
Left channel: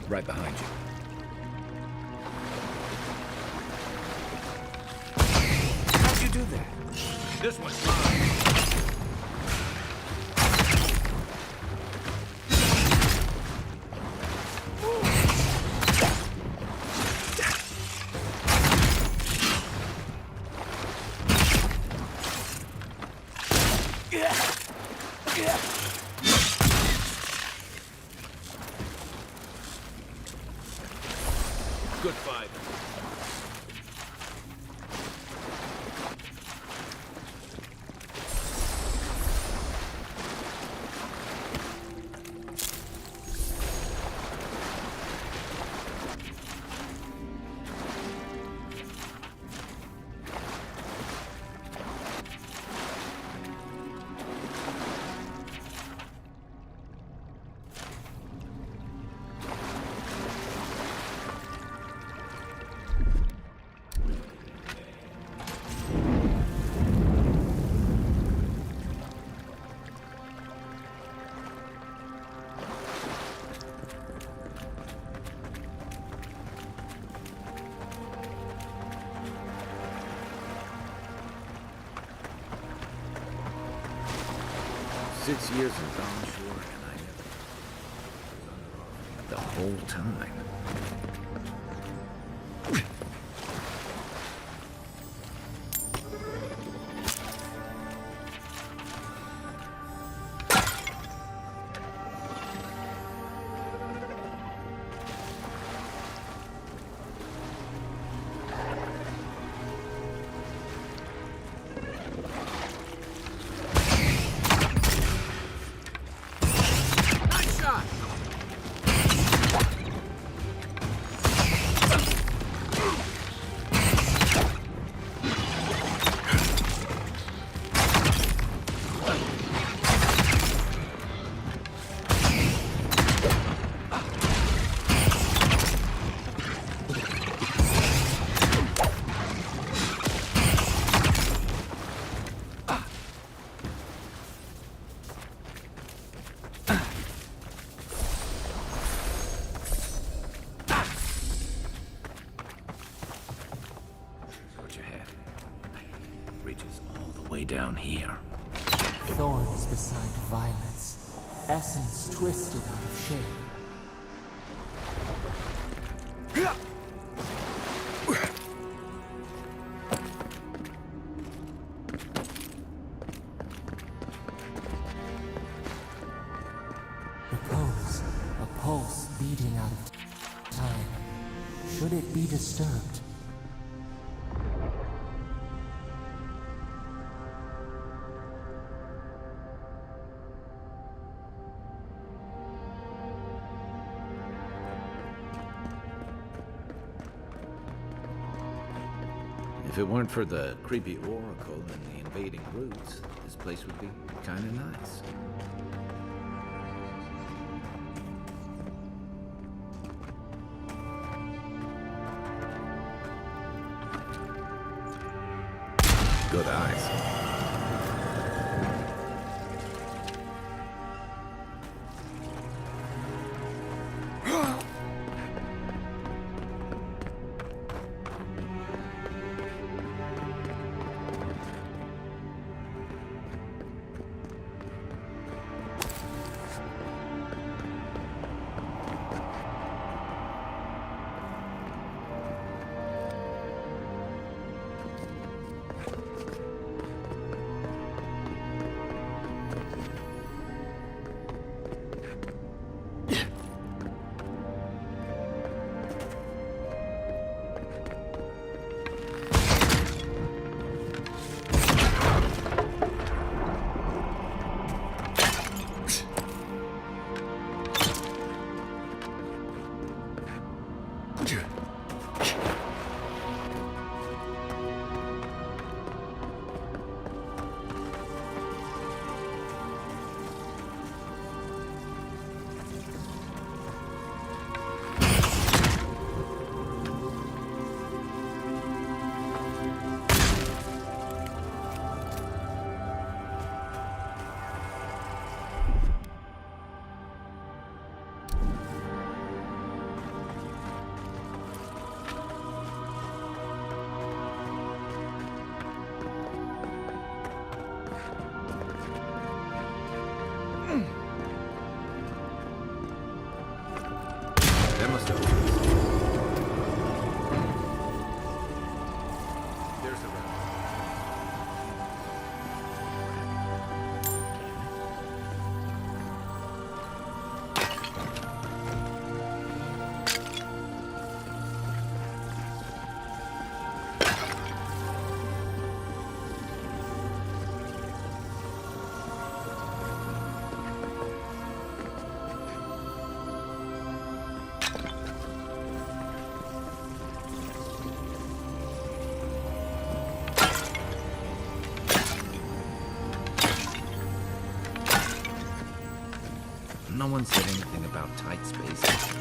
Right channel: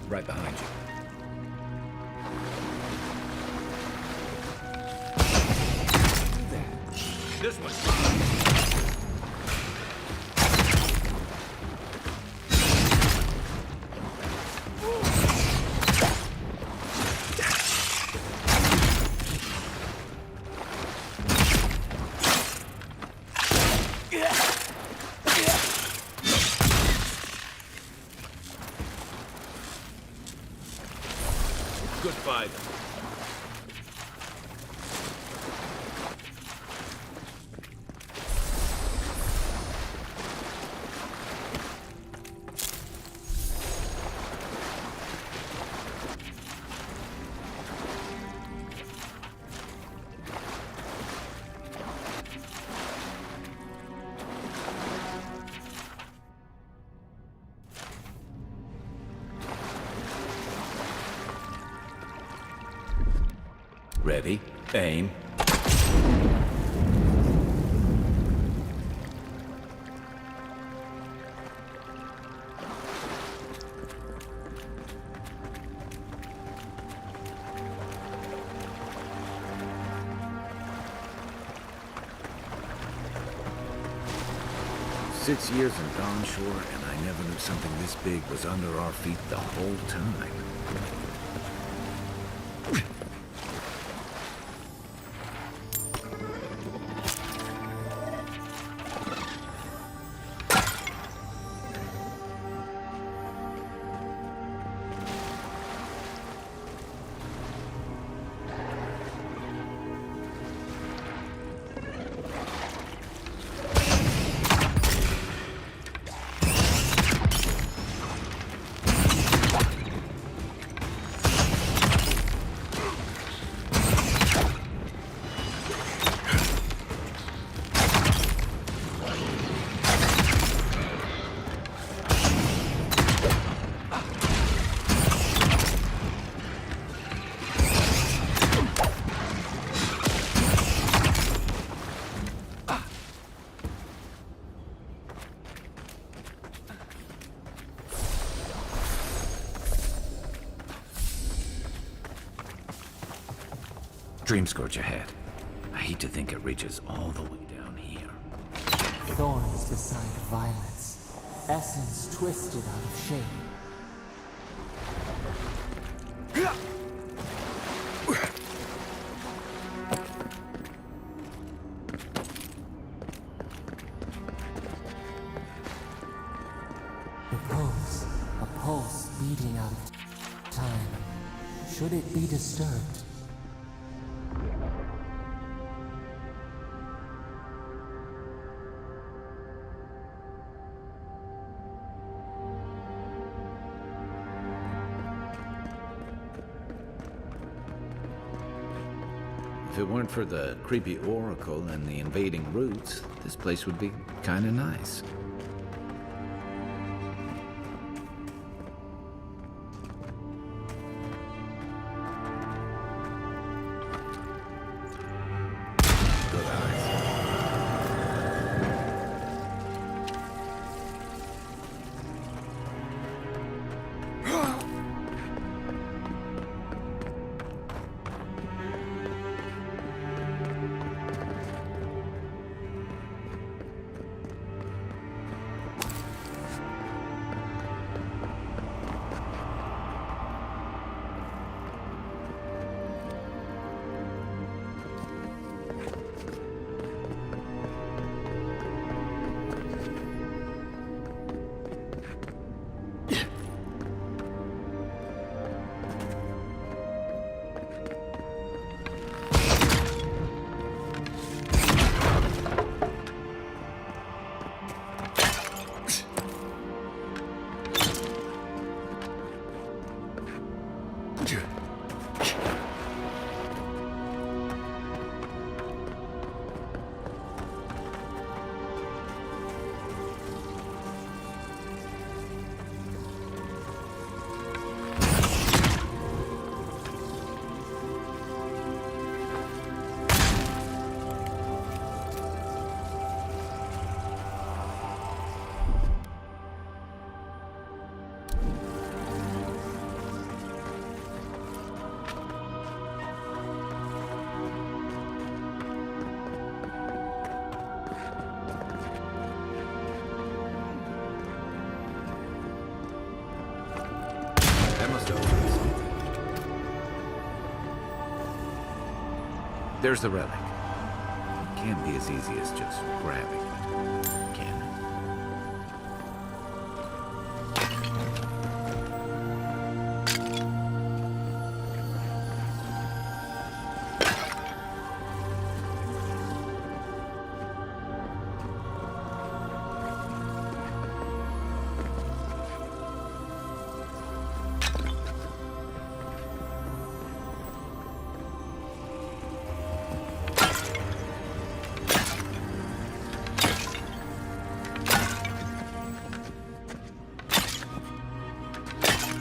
Right behind you. How'd you do that? This one's mine. Good fight. Ready, aim. 6 years in Dawn Shore, and I never knew something this big was under our feet the whole time. Dream scourge ahead. I hate to think it reaches all the way down here. Thorns beside violets, essence twisted out of shape. a pulse beating out of time. Should it be disturbed? If it weren't for the creepy oracle and the invading roots, this place would be kinda nice. Good eyes. That must open this. There's the relic. Can't be as easy as just grabbing it, can it? No one said anything about tight spaces.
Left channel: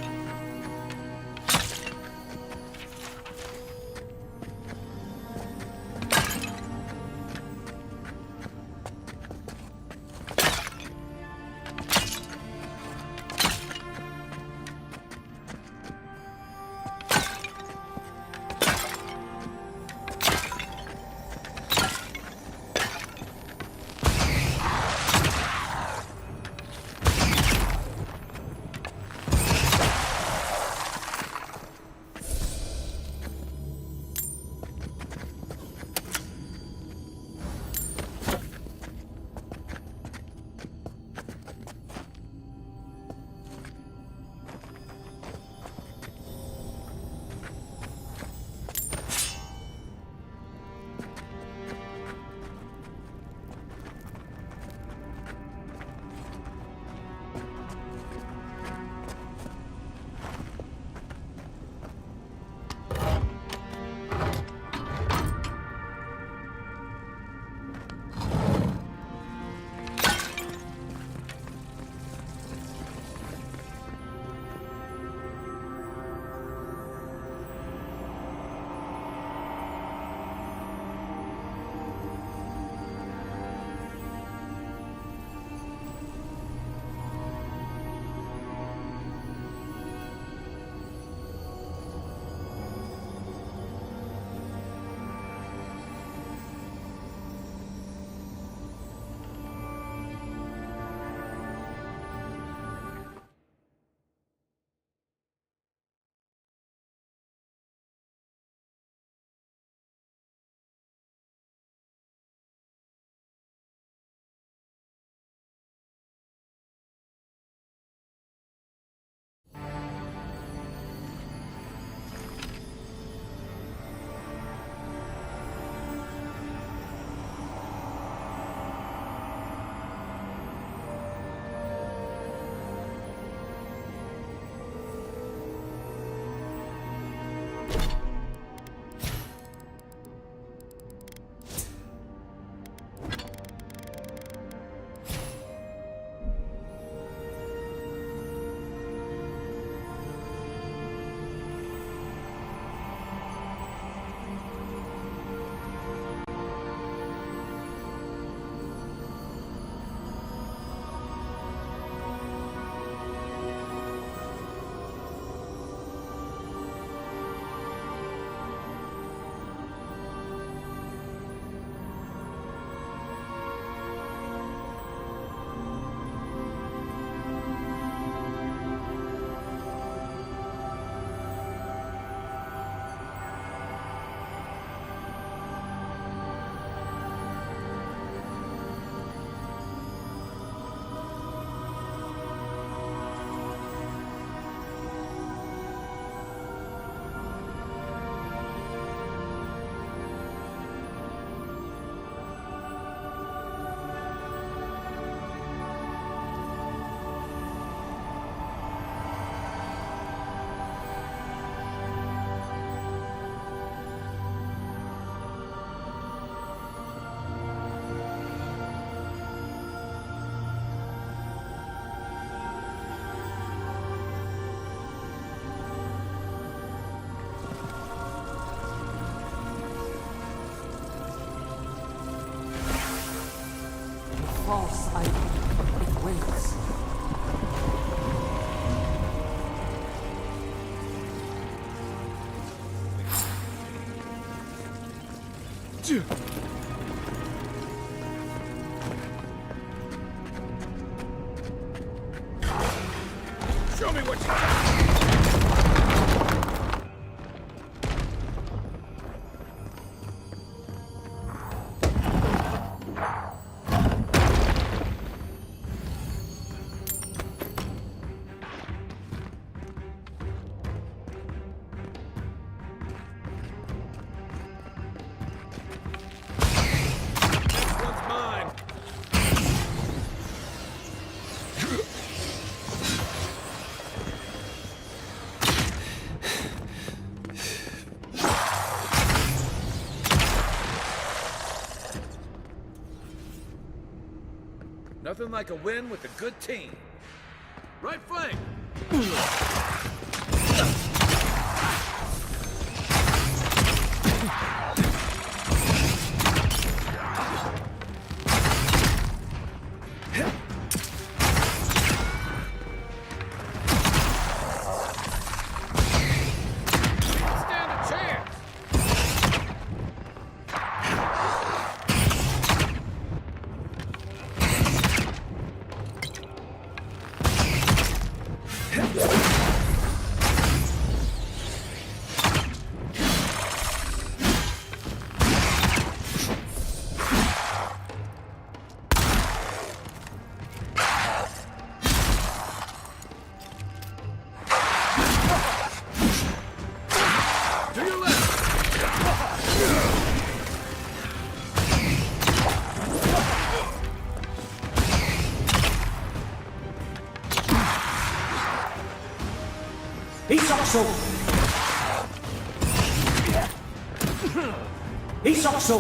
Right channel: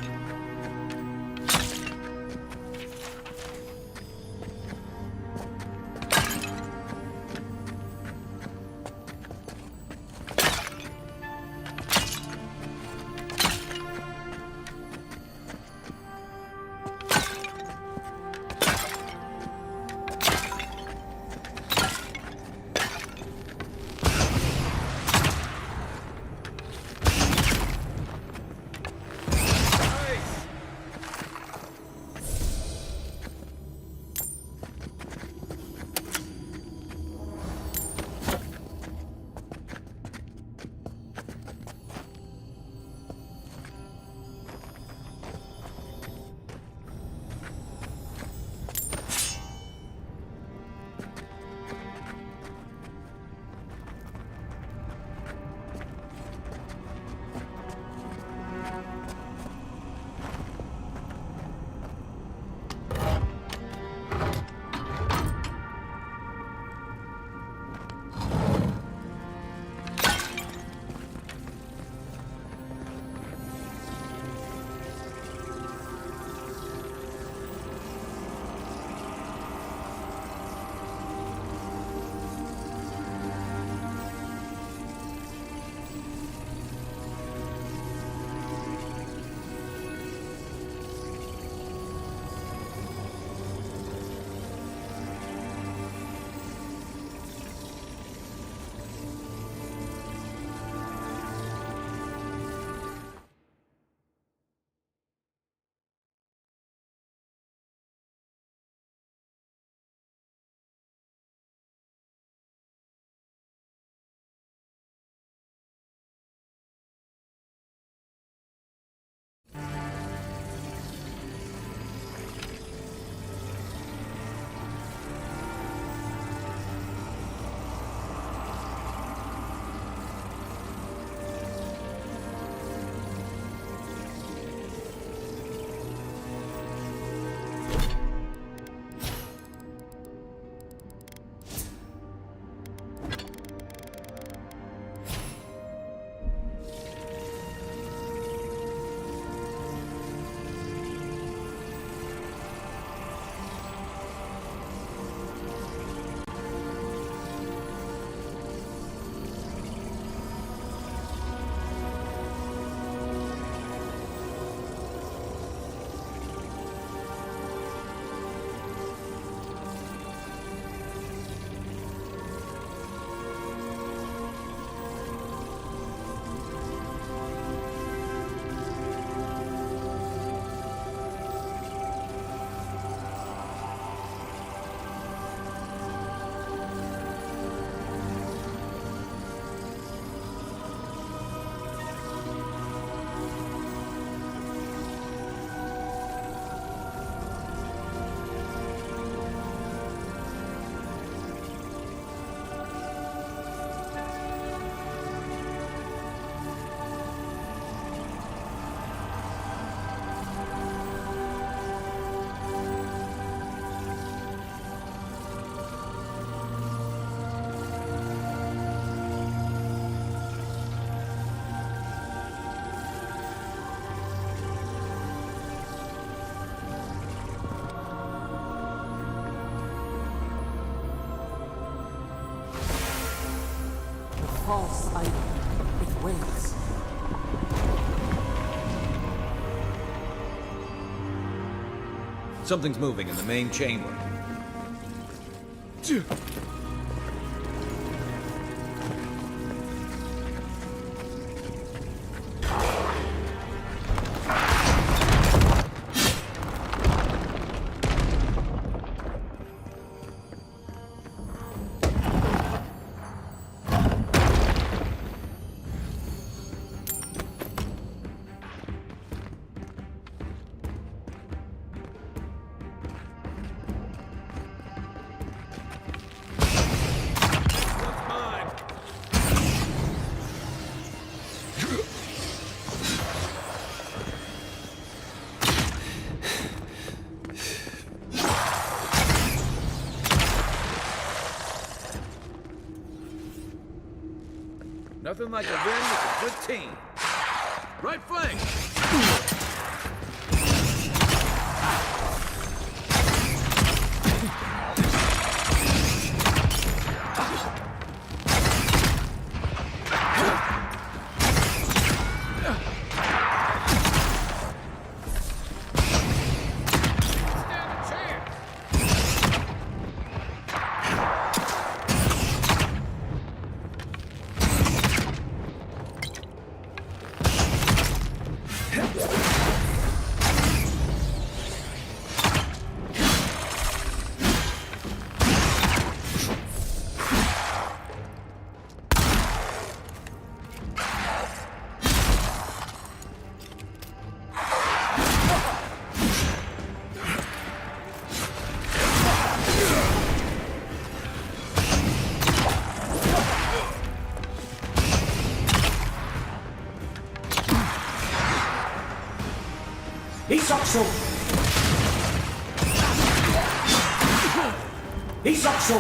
false idol. It waits. Something's moving in the main chamber. Show me what you got. One's mine. Nothing like a win with a good team. Right flank! Stand a chance! To your left! Isakso! Isakso!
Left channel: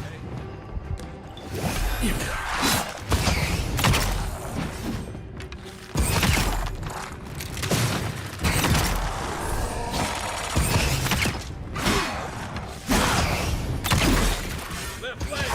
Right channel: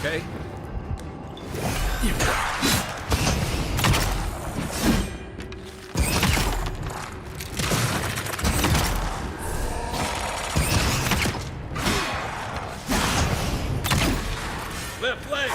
Okay? Left leg!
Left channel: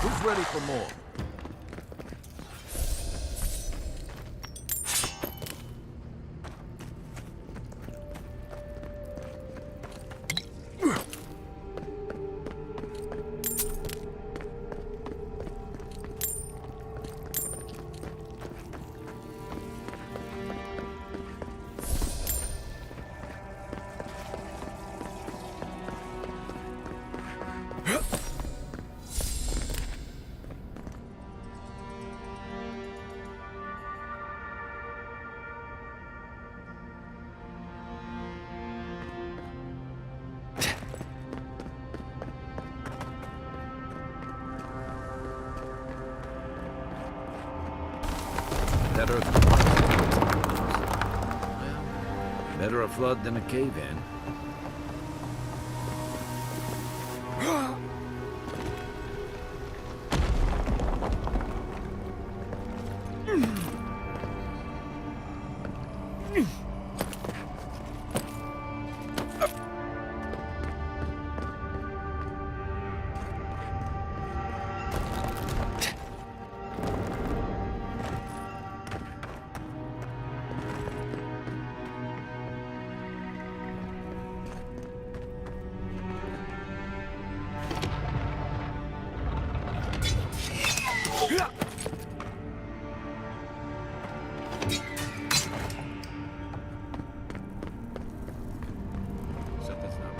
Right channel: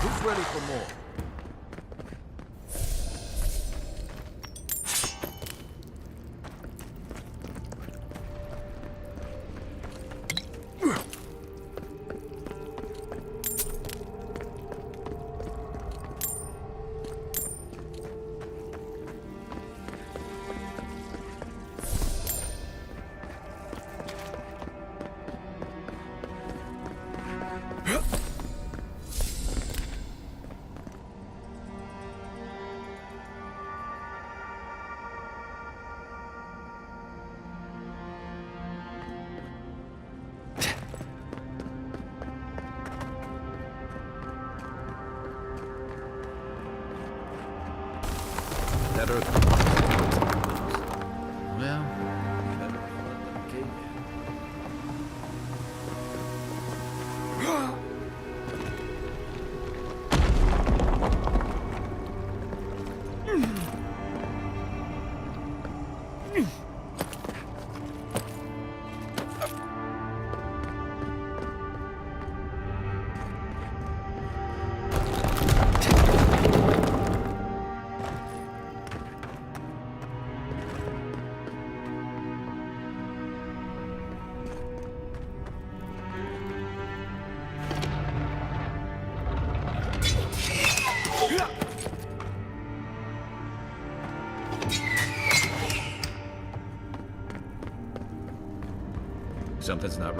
Who's ready for more? Better. Well, better a flood than a cave-in.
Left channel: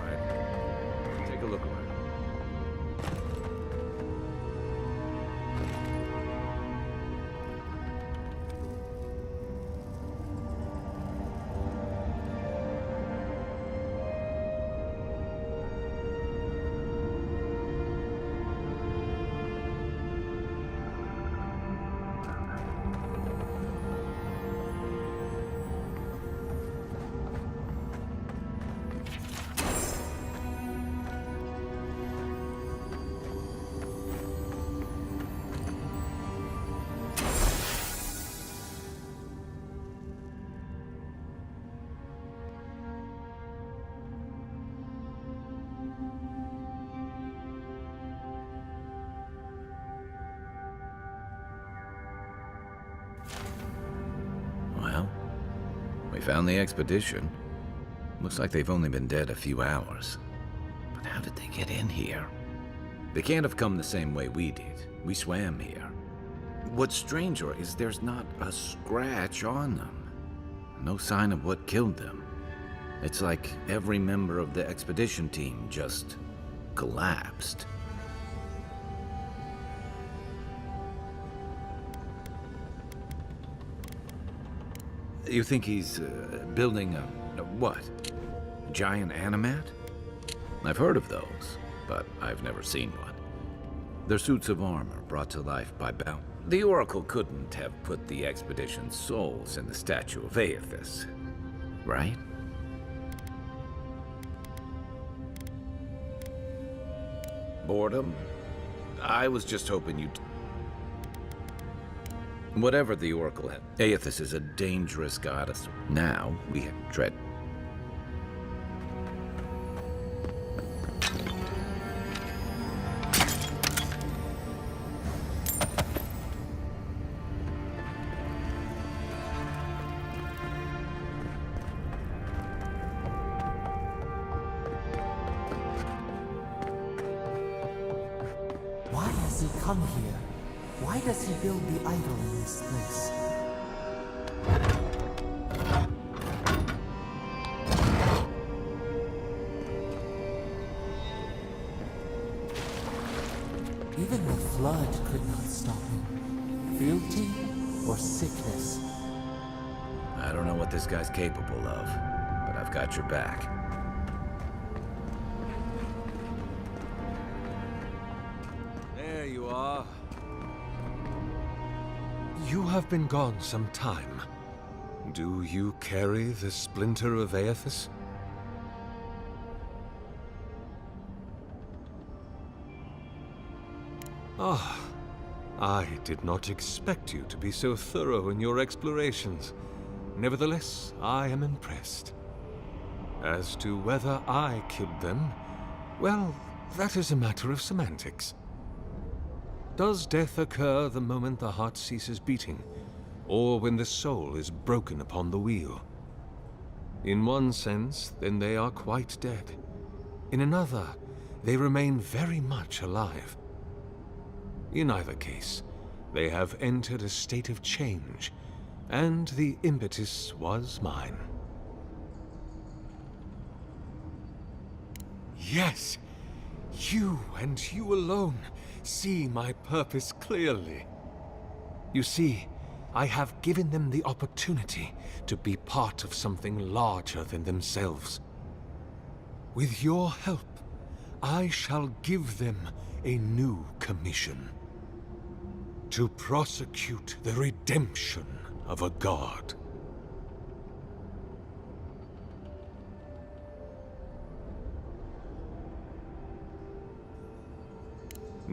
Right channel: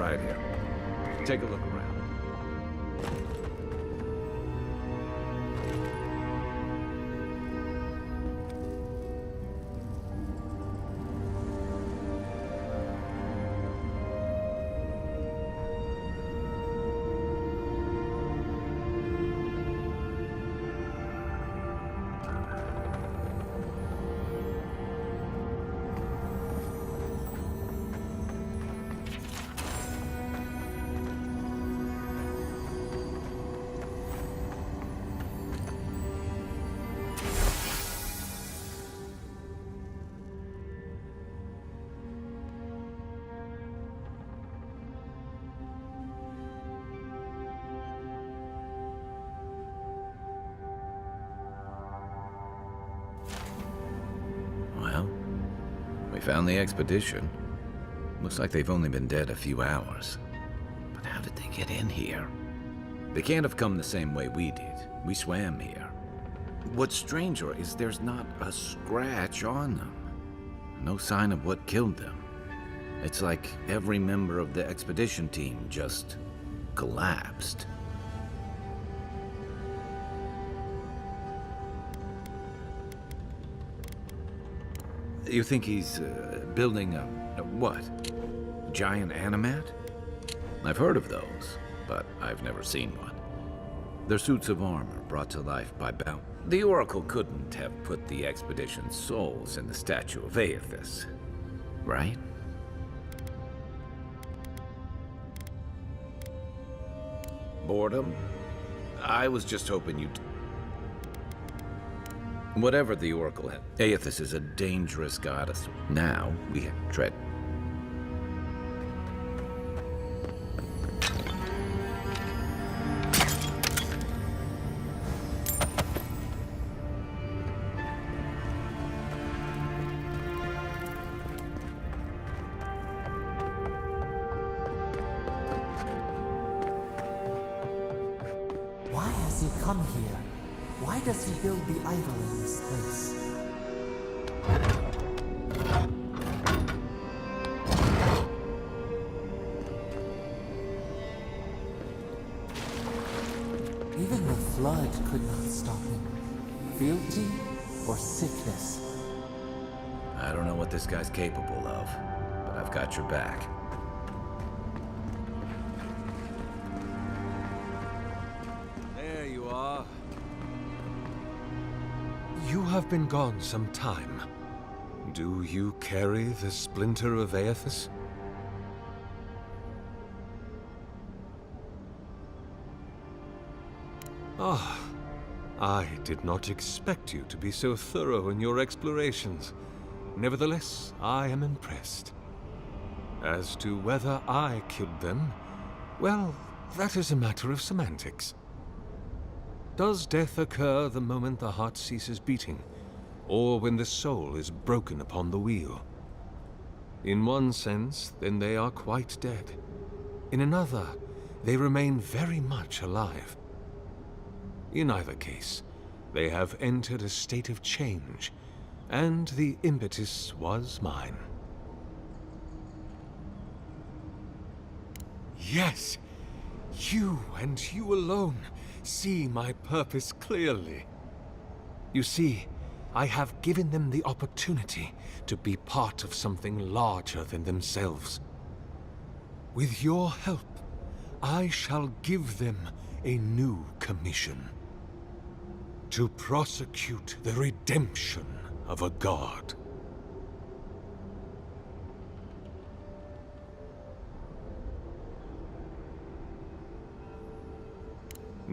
right here. Take a look around. Well, we found the expedition. Looks like they've only been dead a few hours. But how did they get in here? They can't have come the same way we did. We swam here. What's stranger is there's not a scratch on them. No sign of what killed them. It's like every member of the expedition team just collapsed. You think he's building a what? Giant animat? I've heard of those, but I've never seen one. They're suits of armor brought to life by bound. The Oracle couldn't have put the expedition's souls in the statue of Aethys, right? Boredom? I was just hoping you'd... Whatever the Oracle had, Aethys is a dangerous goddess. Now we tread. Why has he come here? Why does he build the idol in this place? Even the flood could not stop him. Fealty or sickness? I don't know what this guy's capable of, but I've got your back. There you are. You have been gone some time. Do you carry the splinter of Aethys? Ah, I did not expect you to be so thorough in your explorations. Nevertheless, I am impressed. As to whether I killed them, well, that is a matter of semantics. Does death occur the moment the heart ceases beating, or when the soul is broken upon the wheel? In one sense, then they are quite dead. In another, they remain very much alive. In either case, they have entered a state of change, and the impetus was mine. Yes, you and you alone see my purpose clearly. You see, I have given them the opportunity to be part of something larger than themselves. With your help, I shall give them a new commission. To prosecute the redemption of a god.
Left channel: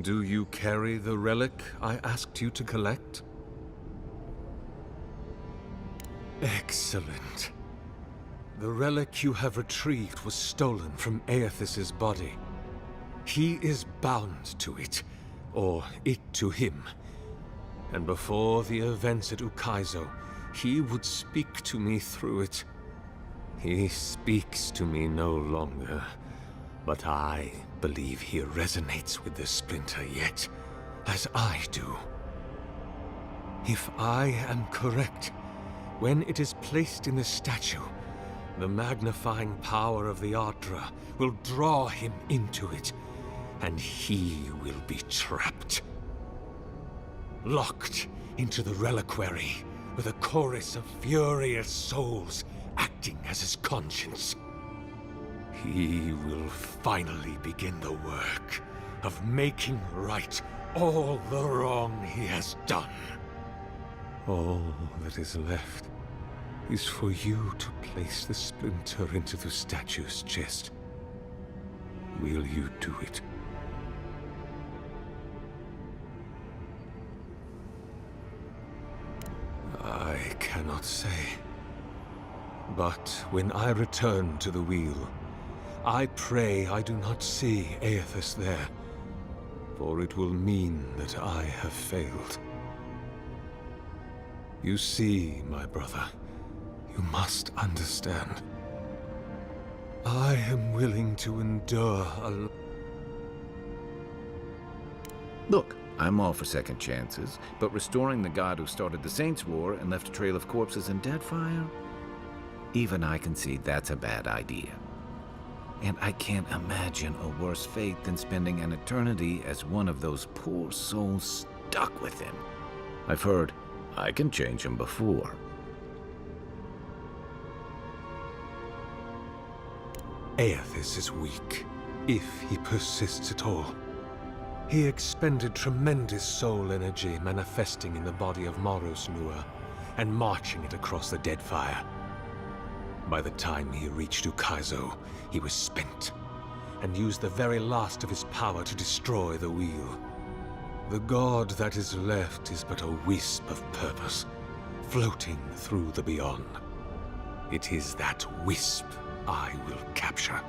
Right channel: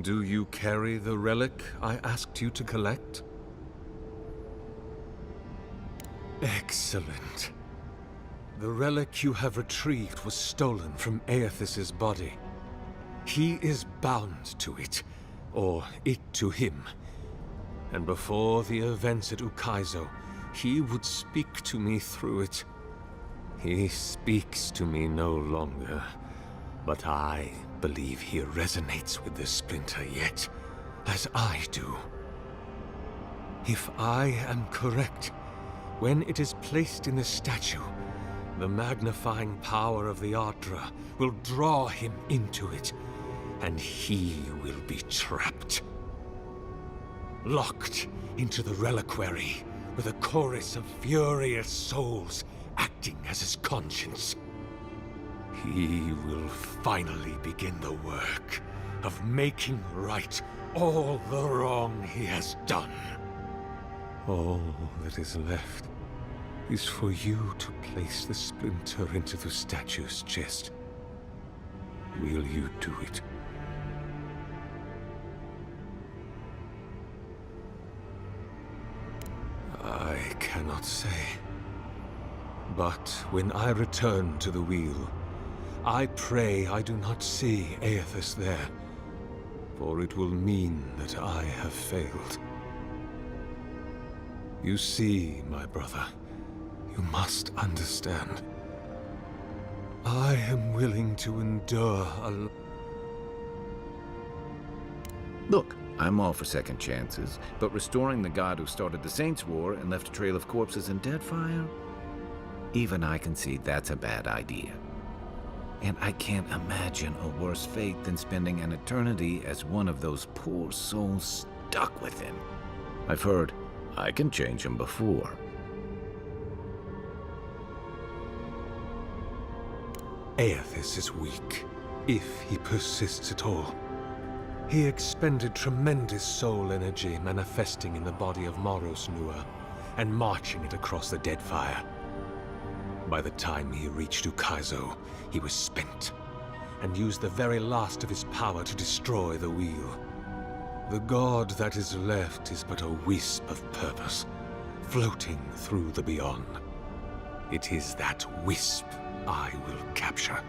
Do you carry the relic I asked you to collect? Excellent. The relic you have retrieved was stolen from Aethys' body. He is bound to it, or it to him. And before the events at Ukaizo, he would speak to me through it. He speaks to me no longer, but I believe he resonates with the splinter yet, as I do. If I am correct, when it is placed in the statue, The magnifying power of the Ardra will draw him into it, and he will be trapped. Locked into the reliquary with a chorus of furious souls acting as his conscience. He will finally begin the work of making right all the wrong he has done. All that is left is for you to place the splinter into the statue's chest. Will you do it? I cannot say. But when I return to the wheel, I pray I do not see Aethys there, for it will mean that I have failed. You see, my brother, you must understand. I am willing to endure a... Look, I'm all for second chances, but restoring the god who started the Saints' War and left a trail of corpses in Deadfire? Even I can see that's a bad idea. And I can't imagine a worse fate than spending an eternity as one of those poor souls stuck with him. I've heard I can change him before. Aethys is weak, if he persists at all. He expended tremendous soul energy manifesting in the body of Moros Nua and marching it across the Deadfire. By the time he reached Ukaizo, he was spent, and used the very last of his power to destroy the wheel. The god that is left is but a wisp of purpose, floating through the beyond. It is that wisp I will capture.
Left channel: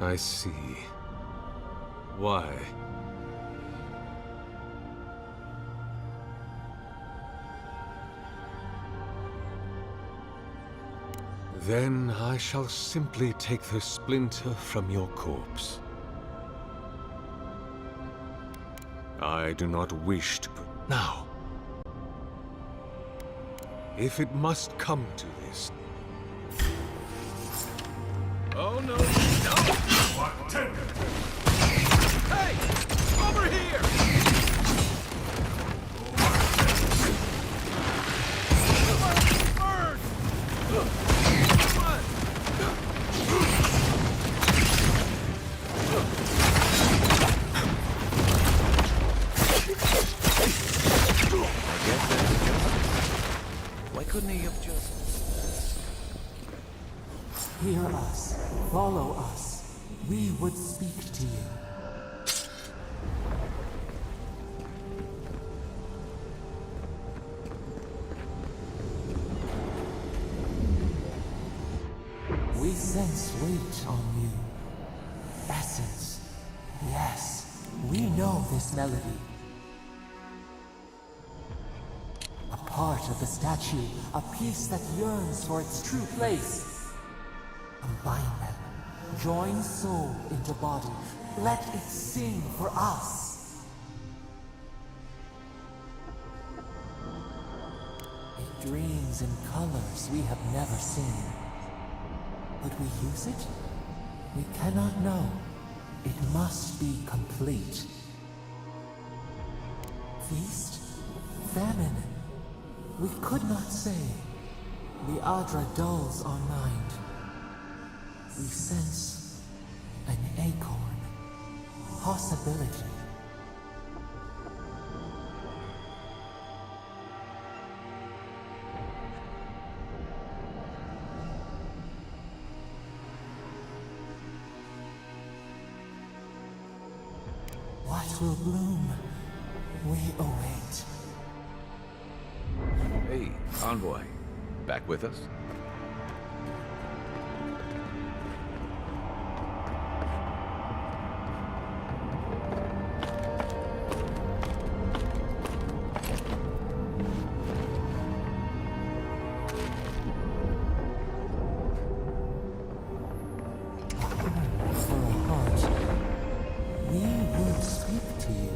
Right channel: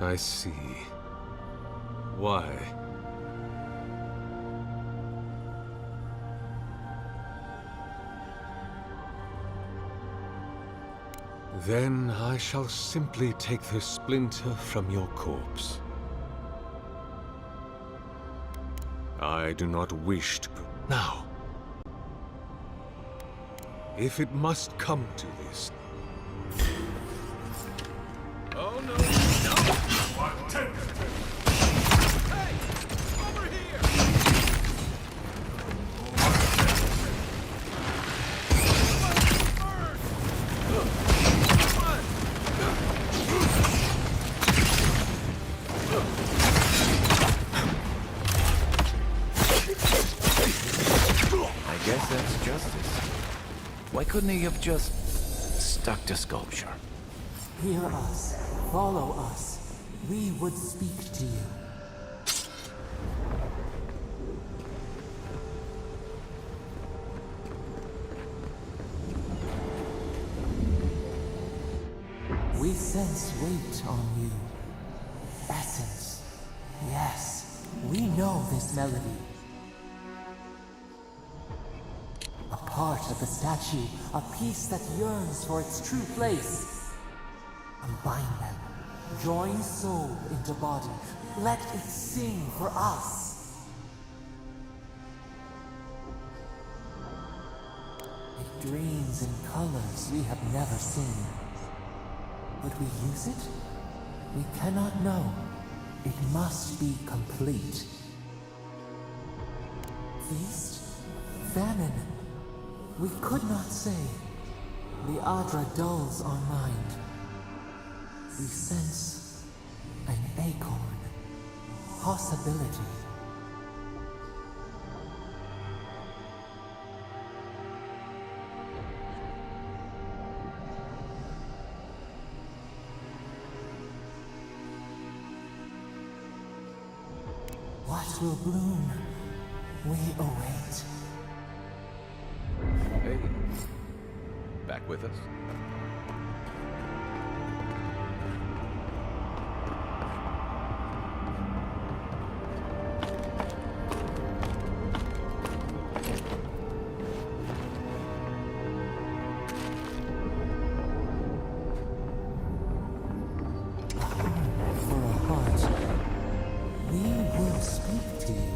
I see. Why? Then I shall simply take the splinter from your corpse. I do not wish to... Now, if it must come to this... Oh, no, no! Hey! Over here! I guess that's justice. Why couldn't he have just stuck to sculpture? Hear us. Follow us. We would speak to you. We sense weight on you. Essence. Yes, we know this melody. A part of the statue, a piece that yearns for its true place. Combine them. Join soul into body. Let it sing for us. It dreams in colors we have never seen. Would we use it? We cannot know. It must be complete. Feast? Famine? We could not say. The Adra dulls our mind. We sense an acorn. Possibility. What will bloom? We await. Hey, Envoy. Back with us? For a heart, we will speak to you.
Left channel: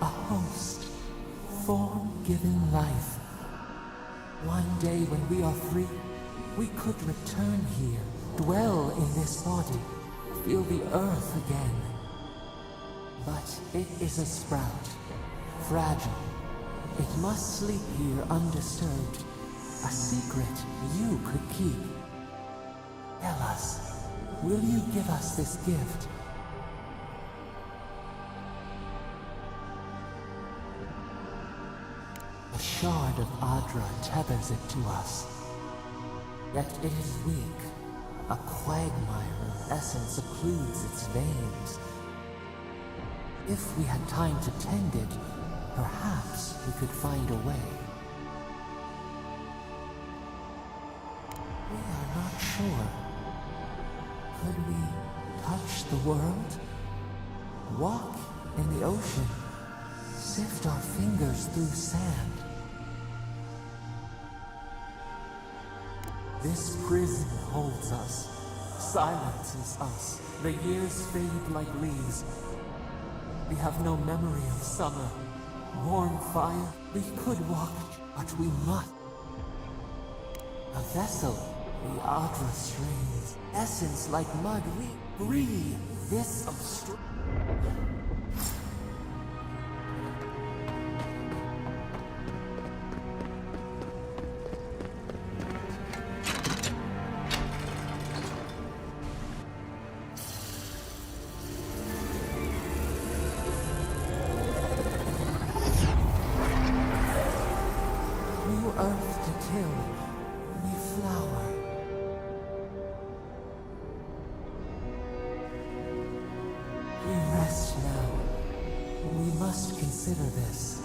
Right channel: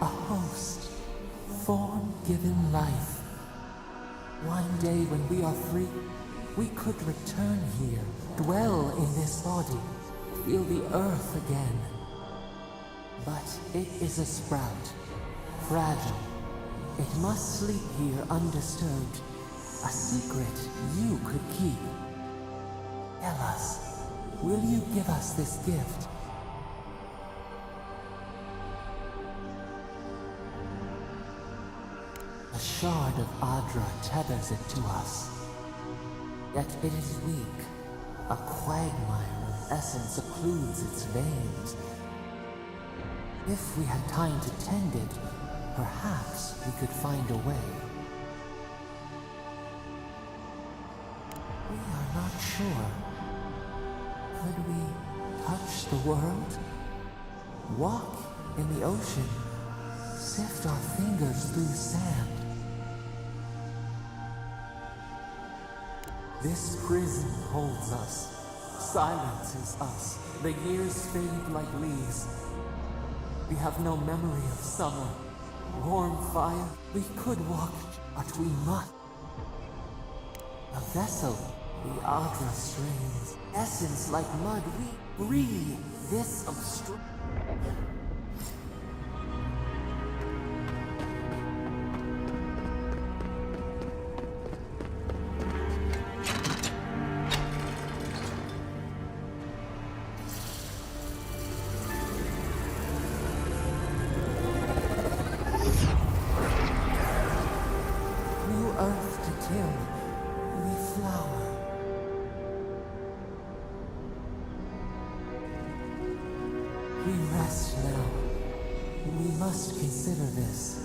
a host, form-given life. One day when we are free, we could return here, dwell in this body, feel the earth again. But it is a sprout, fragile. It must sleep here undisturbed, a secret you could keep. Tell us, will you give us this gift? A shard of Adra tethers it to us. Yet it is weak. A quagmire of essence occludes its veins. If we had time to tend it, perhaps we could find a way. We are not sure. Could we touch the world? Walk in the ocean? Sift our fingers through sand? This prison holds us, silences us. The years fade like leaves. We have no memory of summer, warm fire. We could walk, but we must. A vessel, the Adra strains. Essence like mud, we breathe. This obstruct. New earth to till, we flower. We rest now. We must consider this.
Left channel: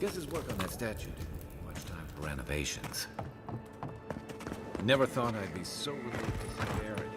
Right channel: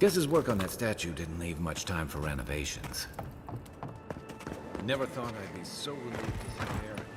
Guess his work on that statue didn't leave much time for renovations. Never thought I'd be so relieved to see rarities.